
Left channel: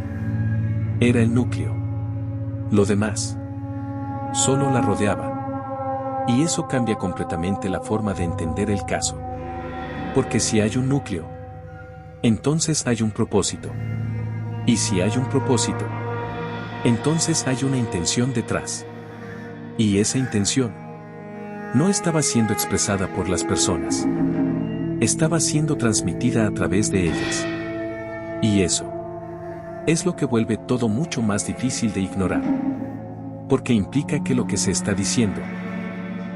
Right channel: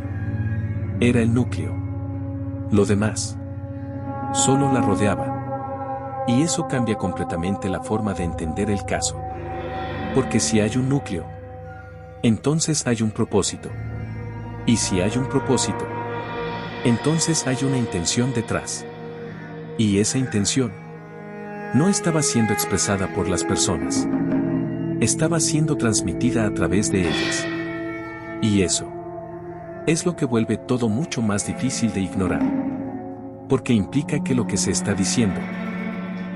Era el núcleo. Lo demás solo la rodeaba. Y eso cambia completamente la forma de entender el caso. Porque si hay un núcleo, entonces hay un propósito. Y si hay un propósito, entonces hay una intención detrás. Y esa intención no estaba siendo expresada por las personas. Estaba siendo transmitida a través de ellas. Y eso es lo que vuelve todo mucho más difícil de ignorar. Porque implica que lo que se está diciendo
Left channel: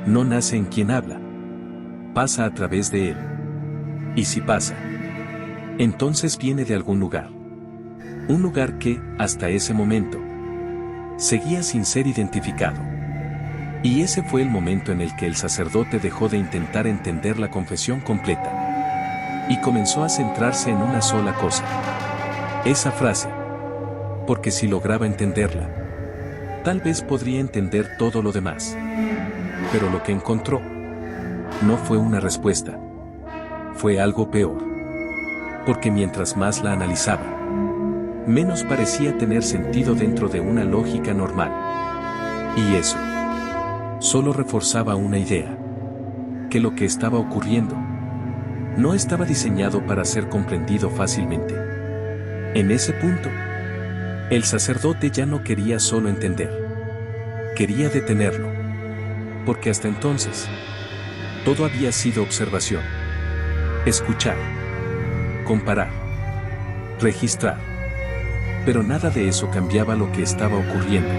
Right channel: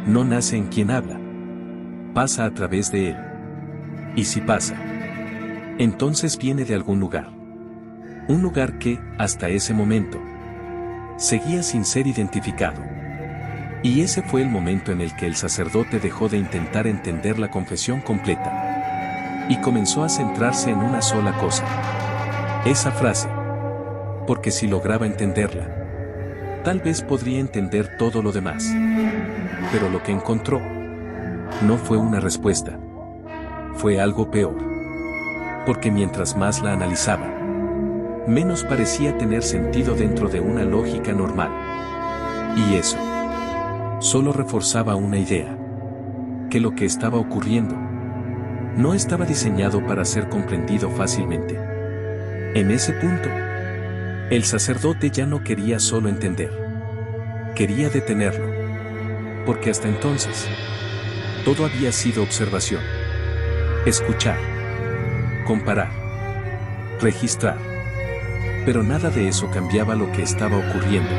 no nace en quien habla, pasa a través de él. Y si pasa, entonces viene de algún lugar. Un lugar que, hasta ese momento, seguía sin ser identificado. Y ese fue el momento en el que el sacerdote dejó de intentar entender la confesión completa. Y comenzó a centrarse en una sola cosa. Esa frase. Porque si lograba entenderla, tal vez podría entender todo lo demás. Pero lo que encontró no fue una respuesta. Fue algo peor. Porque mientras más la analizaba, menos parecía tener sentido dentro de una lógica normal. Y eso solo reforzaba una idea. Que lo que estaba ocurriendo no estaba diseñado para ser comprendido fácilmente. En ese punto, el sacerdote ya no quería solo entender. Quería detenerlo. Porque hasta entonces, todo había sido observación. Escuchar. Comparar. Registrar. Pero nada de eso cambiaba lo que estaba ocurriendo.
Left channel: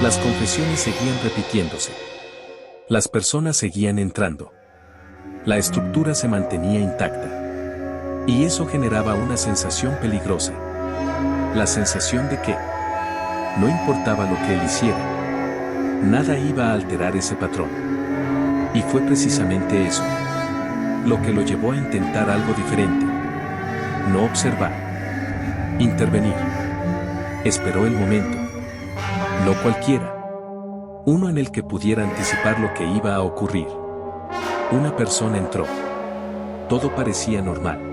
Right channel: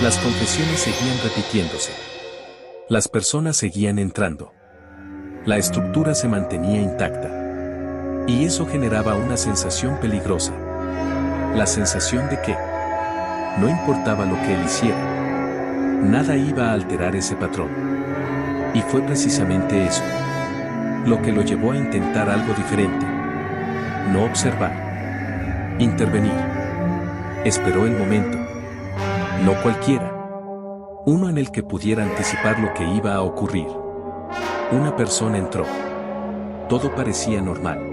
Las confesiones seguían repitiéndose. Las personas seguían entrando. La estructura se mantenía intacta. Y eso generaba una sensación peligrosa. La sensación de que no importaba lo que él hiciera, nada iba a alterar ese patrón. Y fue precisamente eso lo que lo llevó a intentar algo diferente. No observar. Intervenir. Esperó el momento. No cualquiera. Uno en el que pudiera anticipar lo que iba a ocurrir. Una persona entró. Todo parecía normal.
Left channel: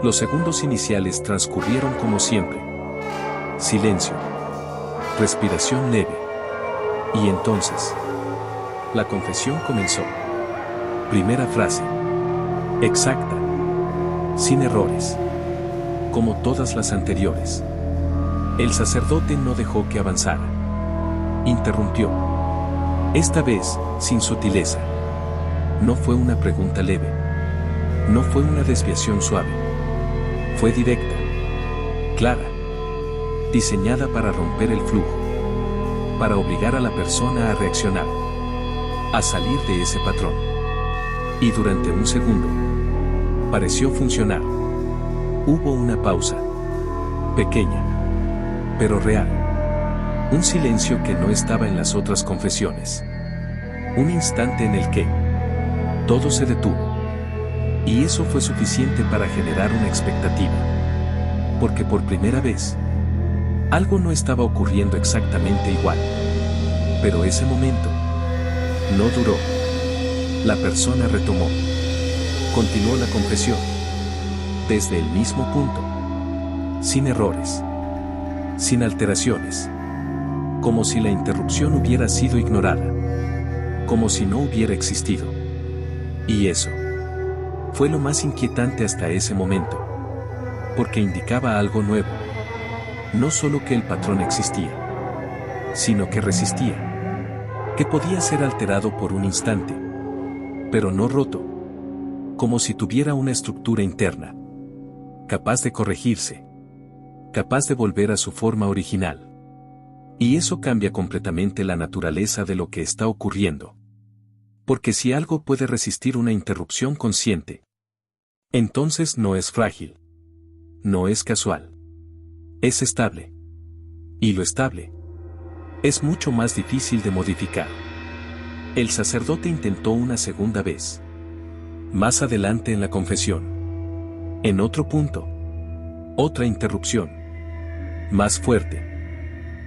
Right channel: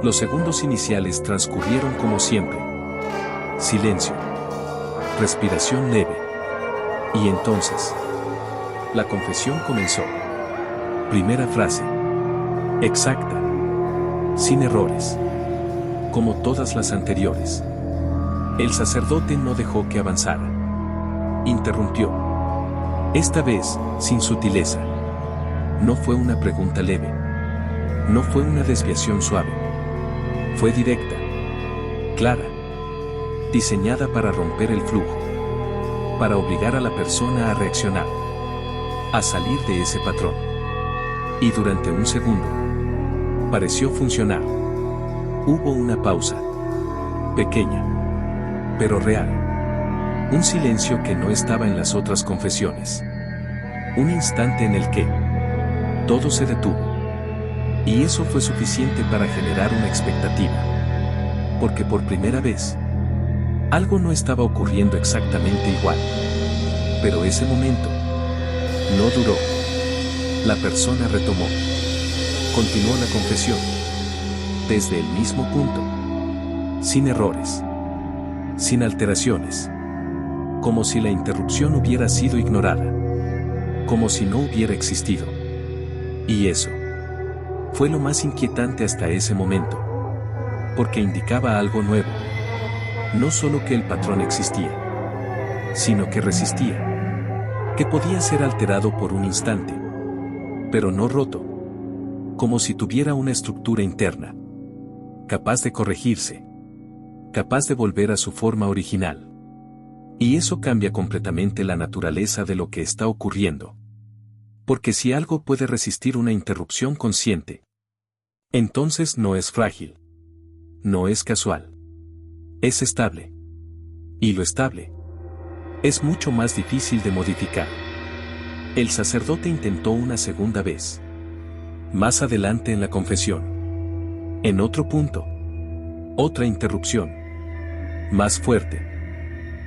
Los segundos iniciales transcurrieron como siempre. Silencio. Respiración leve. Y entonces, la confesión comenzó. Primera frase. Exacta. Sin errores. Como todas las anteriores. El sacerdote no dejó que avanzara. Interrumpió. Esta vez, sin sutileza. No fue una pregunta leve. No fue una desviación suave. Fue directa. Clara. Diseñada para romper el flujo. Para obligar a la persona a reaccionar. A salir de ese patrón. Y durante un segundo, pareció funcionar. Hubo una pausa. Pequeña. Pero real. Un silencio que no estaba en las otras confesiones. Un instante en el que todo se detuvo. Y eso fue suficiente para generar una expectativa. Porque por primera vez, algo no estaba ocurriendo exactamente igual. Pero ese momento no duró. La persona retomó. Continuó la confesión. Desde el mismo punto. Sin errores. Sin alteraciones. Como si la interrupción hubiera sido ignorada. Como si no hubiera existido. Y eso fue lo más inquietante hasta ese momento. Porque indicaba algo nuevo. No solo que el patrón existía, sino que resistía. Que podía ser alterado por un instante. Pero no roto. Como si tuviera una estructura interna. Capaz de corregirse. Capaz de volver a su forma original. Y eso cambia completamente la naturaleza de lo que está ocurriendo. Porque si algo puede resistir una interrupción consciente, entonces no es frágil. No es casual. Es estable. Y lo estable es mucho más difícil de modificar. El sacerdote intentó una segunda vez. Más adelante en la confesión. En otro punto. Otra interrupción. Más fuerte.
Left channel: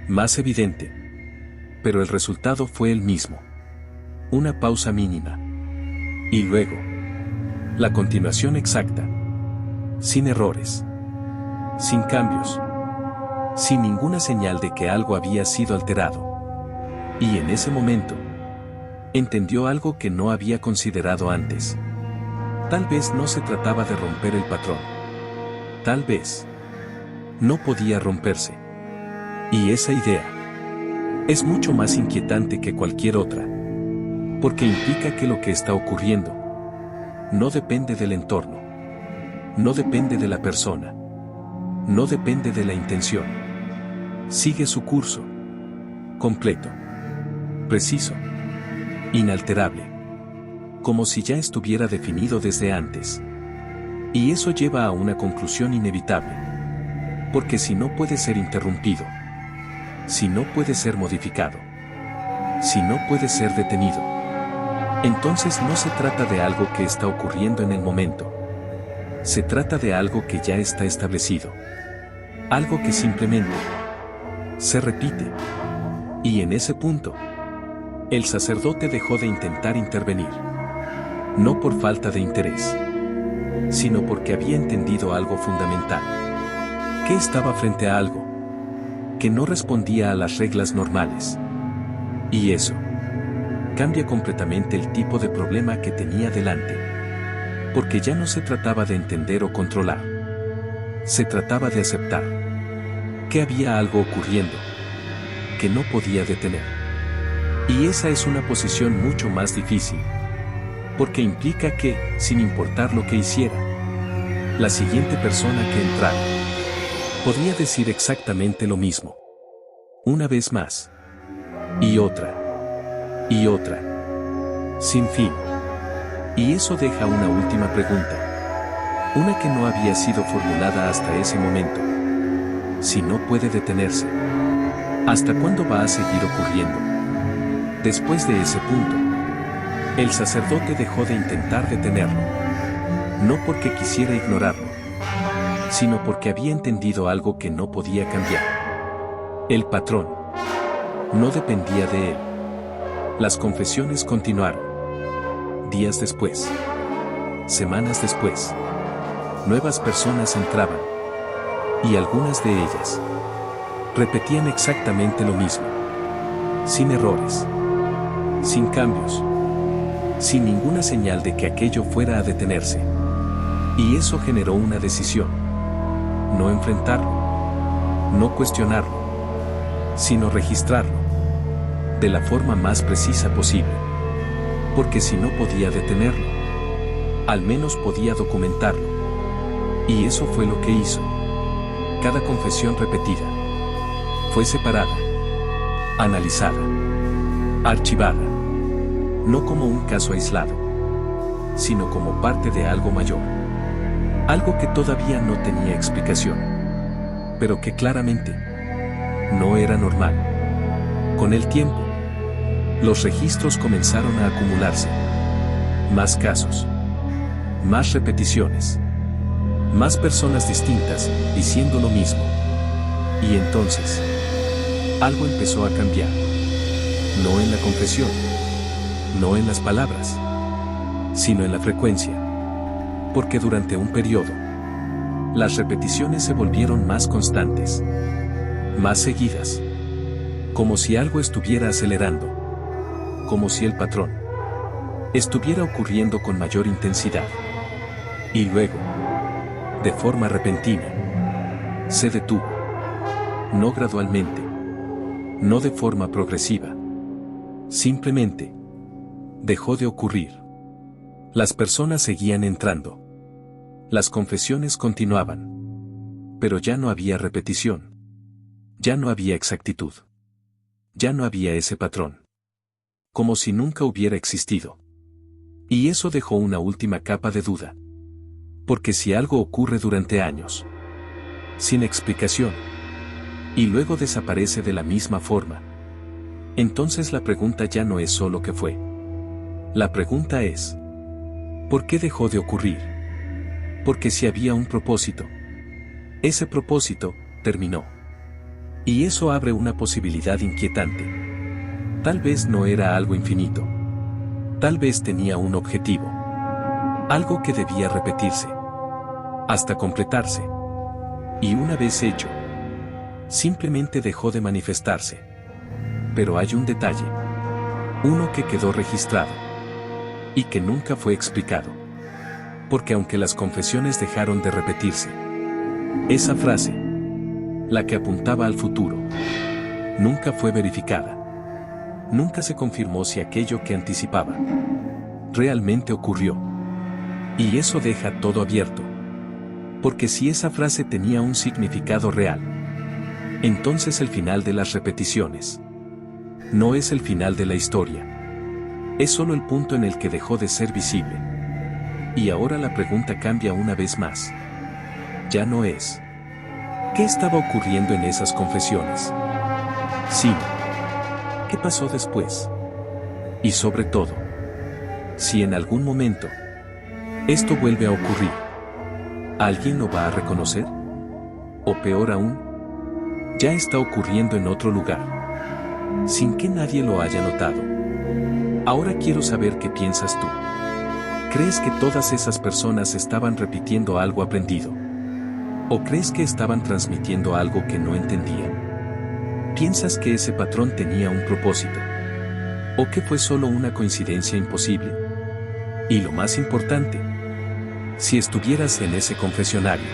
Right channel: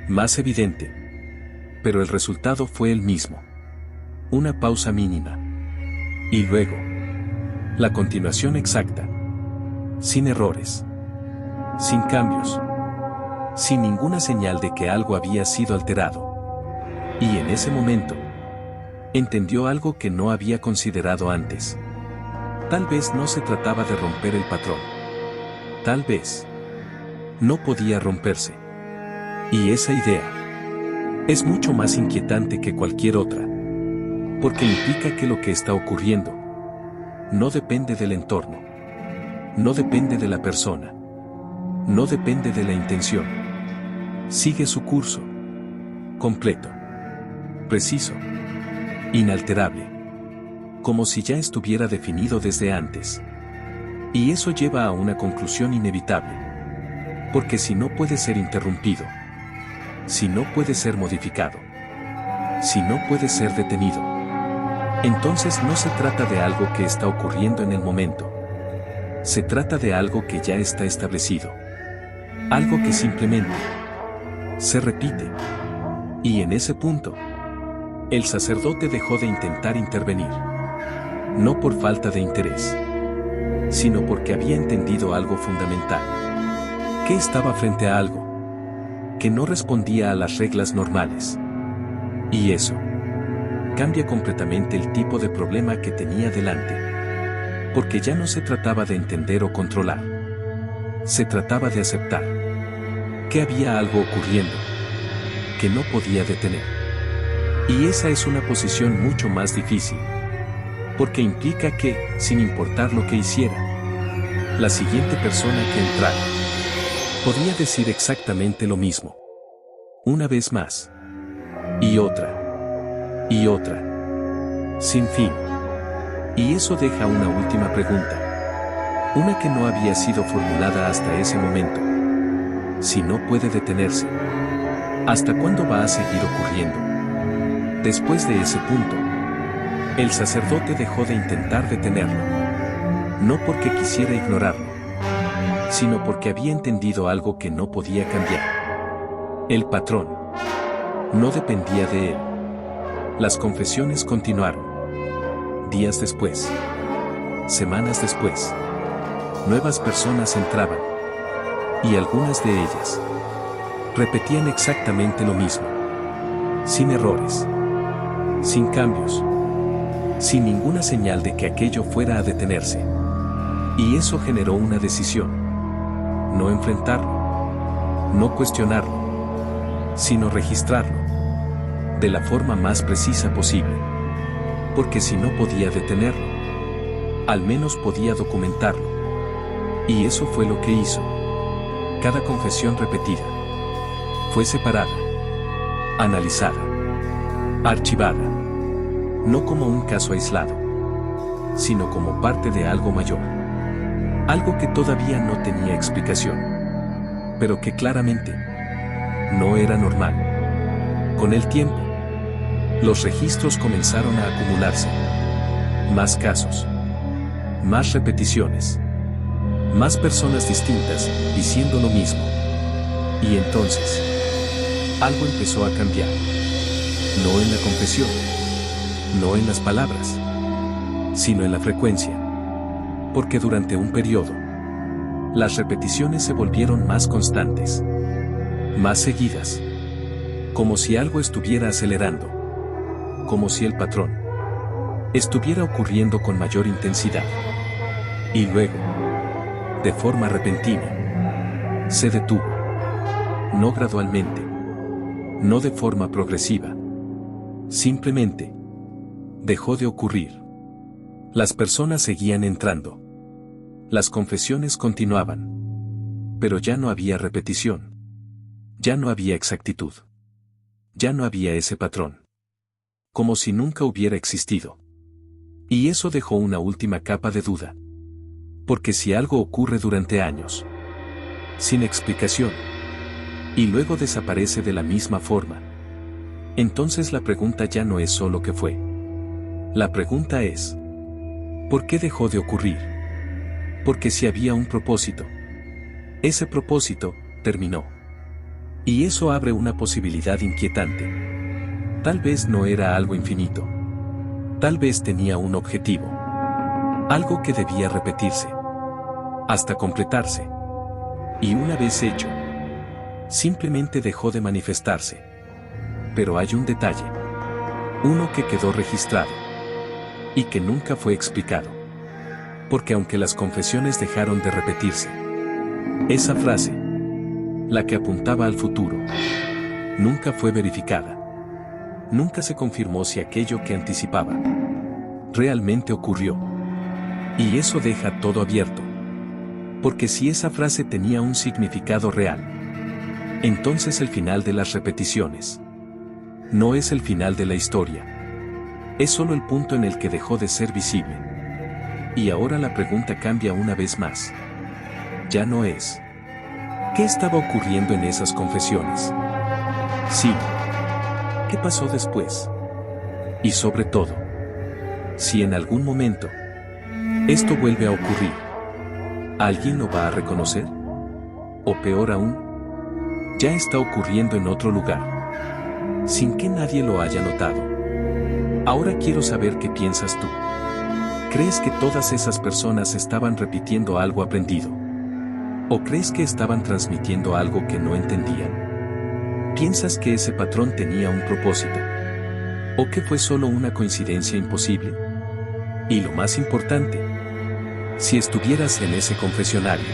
Más evidente. Pero el resultado fue el mismo. Una pausa mínima. Y luego. La continuación exacta. Sin errores. Sin cambios. Sin ninguna señal de que algo había sido alterado. Y en ese momento, entendió algo que no había considerado antes. Tal vez no se trataba de romper el patrón. Tal vez no podía romperse. Y esa idea es mucho más inquietante que cualquier otra, porque implica que lo que está ocurriendo no depende del entorno, no depende de la persona, no depende de la intención. Sigue su curso, completo, preciso, inalterable, como si ya estuviera definido desde antes. Y eso lleva a una conclusión inevitable, porque si no puede ser interrumpido, si no puede ser modificado, si no puede ser detenido, entonces no se trata de algo que está ocurriendo en el momento. Se trata de algo que ya está establecido. Algo que simplemente se repite. Y en ese punto, el sacerdote dejó de intentar intervenir. No por falta de interés, sino porque había entendido algo fundamental. Que estaba frente a algo que no respondía a las reglas normales. Y eso cambia completamente el tipo de problema que tenía delante. Porque ya no se trataba de entender o controlar. Se trataba de aceptar que había algo ocurriendo que no podía detener. Y esa es una posición mucho más difícil, porque implica que, sin importar lo que hiciera, la siguiente persona que entrara podría decir exactamente lo mismo. Una vez más. Y otra. Y otra. Sin fin. Y eso deja una última pregunta. Una que no había sido formulada hasta ese momento. Si no puede detenerse, ¿hasta cuándo va a seguir ocurriendo? Después de ese punto, el sacerdote dejó de intentar detenerlo. No porque quisiera ignorarlo, sino porque había entendido algo que no podía cambiar. El patrón no dependía de él. Las confesiones continuaron. Días después, semanas después, nuevas personas entraban. Y algunas de ellas repetían exactamente lo mismo. Sin errores. Sin cambios. Sin ninguna señal de que aquello fuera a detenerse. Y eso generó una decisión. No enfrentarlo. No cuestionarlo. Sino registrarlo. De la forma más precisa posible. Porque si no podía detenerlo, al menos podía documentarlo. Y eso fue lo que hizo. Cada confesión repetida fue separada, analizada, archivada. No como un caso aislado, sino como parte de algo mayor. Algo que todavía no tenía explicación, pero que claramente no era normal. Con el tiempo, los registros comenzaron a acumularse. Más casos, más repeticiones, más personas distintas diciendo lo mismo. Y entonces, algo empezó a cambiar. No en la confesión, no en las palabras, sino en la frecuencia. Porque durante un periodo, las repeticiones se volvieron más constantes, más seguidas. Como si algo estuviera acelerando. Como si el patrón estuviera ocurriendo con mayor intensidad. Y luego, de forma repentina, se detuvo. No gradualmente. No de forma progresiva. Simplemente dejó de ocurrir. Las personas seguían entrando. Las confesiones continuaban. Pero ya no había repetición. Ya no había exactitud. Ya no había ese patrón. Como si nunca hubiera existido. Y eso dejó una última capa de duda. Porque si algo ocurre durante años, sin explicación, y luego desaparece de la misma forma, entonces la pregunta ya no es solo qué fue. La pregunta es, ¿por qué dejó de ocurrir? Porque si había un propósito, ese propósito terminó. Y eso abre una posibilidad inquietante. Tal vez no era algo infinito. Tal vez tenía un objetivo. Algo que debía repetirse. Hasta completarse. Y una vez hecho, simplemente dejó de manifestarse. Pero hay un detalle. Uno que quedó registrado. Y que nunca fue explicado. Porque aunque las confesiones dejaron de repetirse, esa frase, la que apuntaba al futuro, nunca fue verificada. Nunca se confirmó si aquello que anticipaba realmente ocurrió. Y eso deja todo abierto. Porque si esa frase tenía un significado real, entonces el final de las repeticiones no es el final de la historia. Es solo el punto en el que dejó de ser visible. Y ahora la pregunta cambia una vez más. Ya no es ¿qué estaba ocurriendo en esas confesiones?, sino ¿qué pasó después? Y sobre todo, si en algún momento esto vuelve a ocurrir, ¿alguien lo va a reconocer? O peor aún, ya está ocurriendo en otro lugar, sin que nadie lo haya notado. Ahora quiero saber qué piensas tú. ¿Crees que todas esas personas estaban repitiendo algo aprendido? ¿O crees que estaban transmitiendo algo que no entendían? ¿Piensas que ese patrón tenía un propósito? ¿O que fue solo una coincidencia imposible? Y lo más importante, si estuvieras en ese confesionario,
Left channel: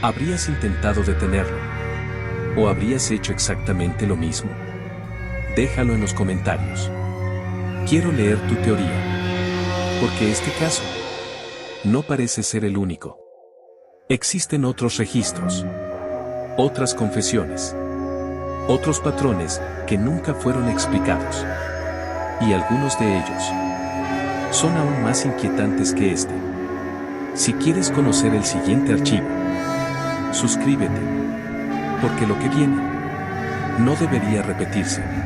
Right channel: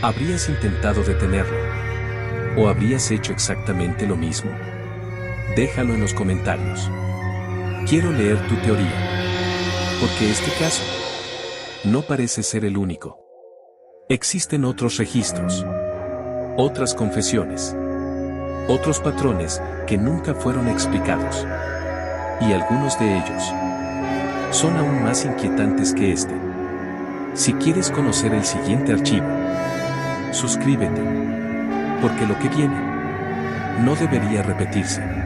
¿habrías intentado detenerlo? ¿O habrías hecho exactamente lo mismo? Déjalo en los comentarios. Quiero leer tu teoría. Porque este caso no parece ser el único. Existen otros registros, otras confesiones, otros patrones que nunca fueron explicados. Y algunos de ellos son aún más inquietantes que este. Si quieres conocer el siguiente archivo, suscríbete, porque lo que viene no debería repetirse.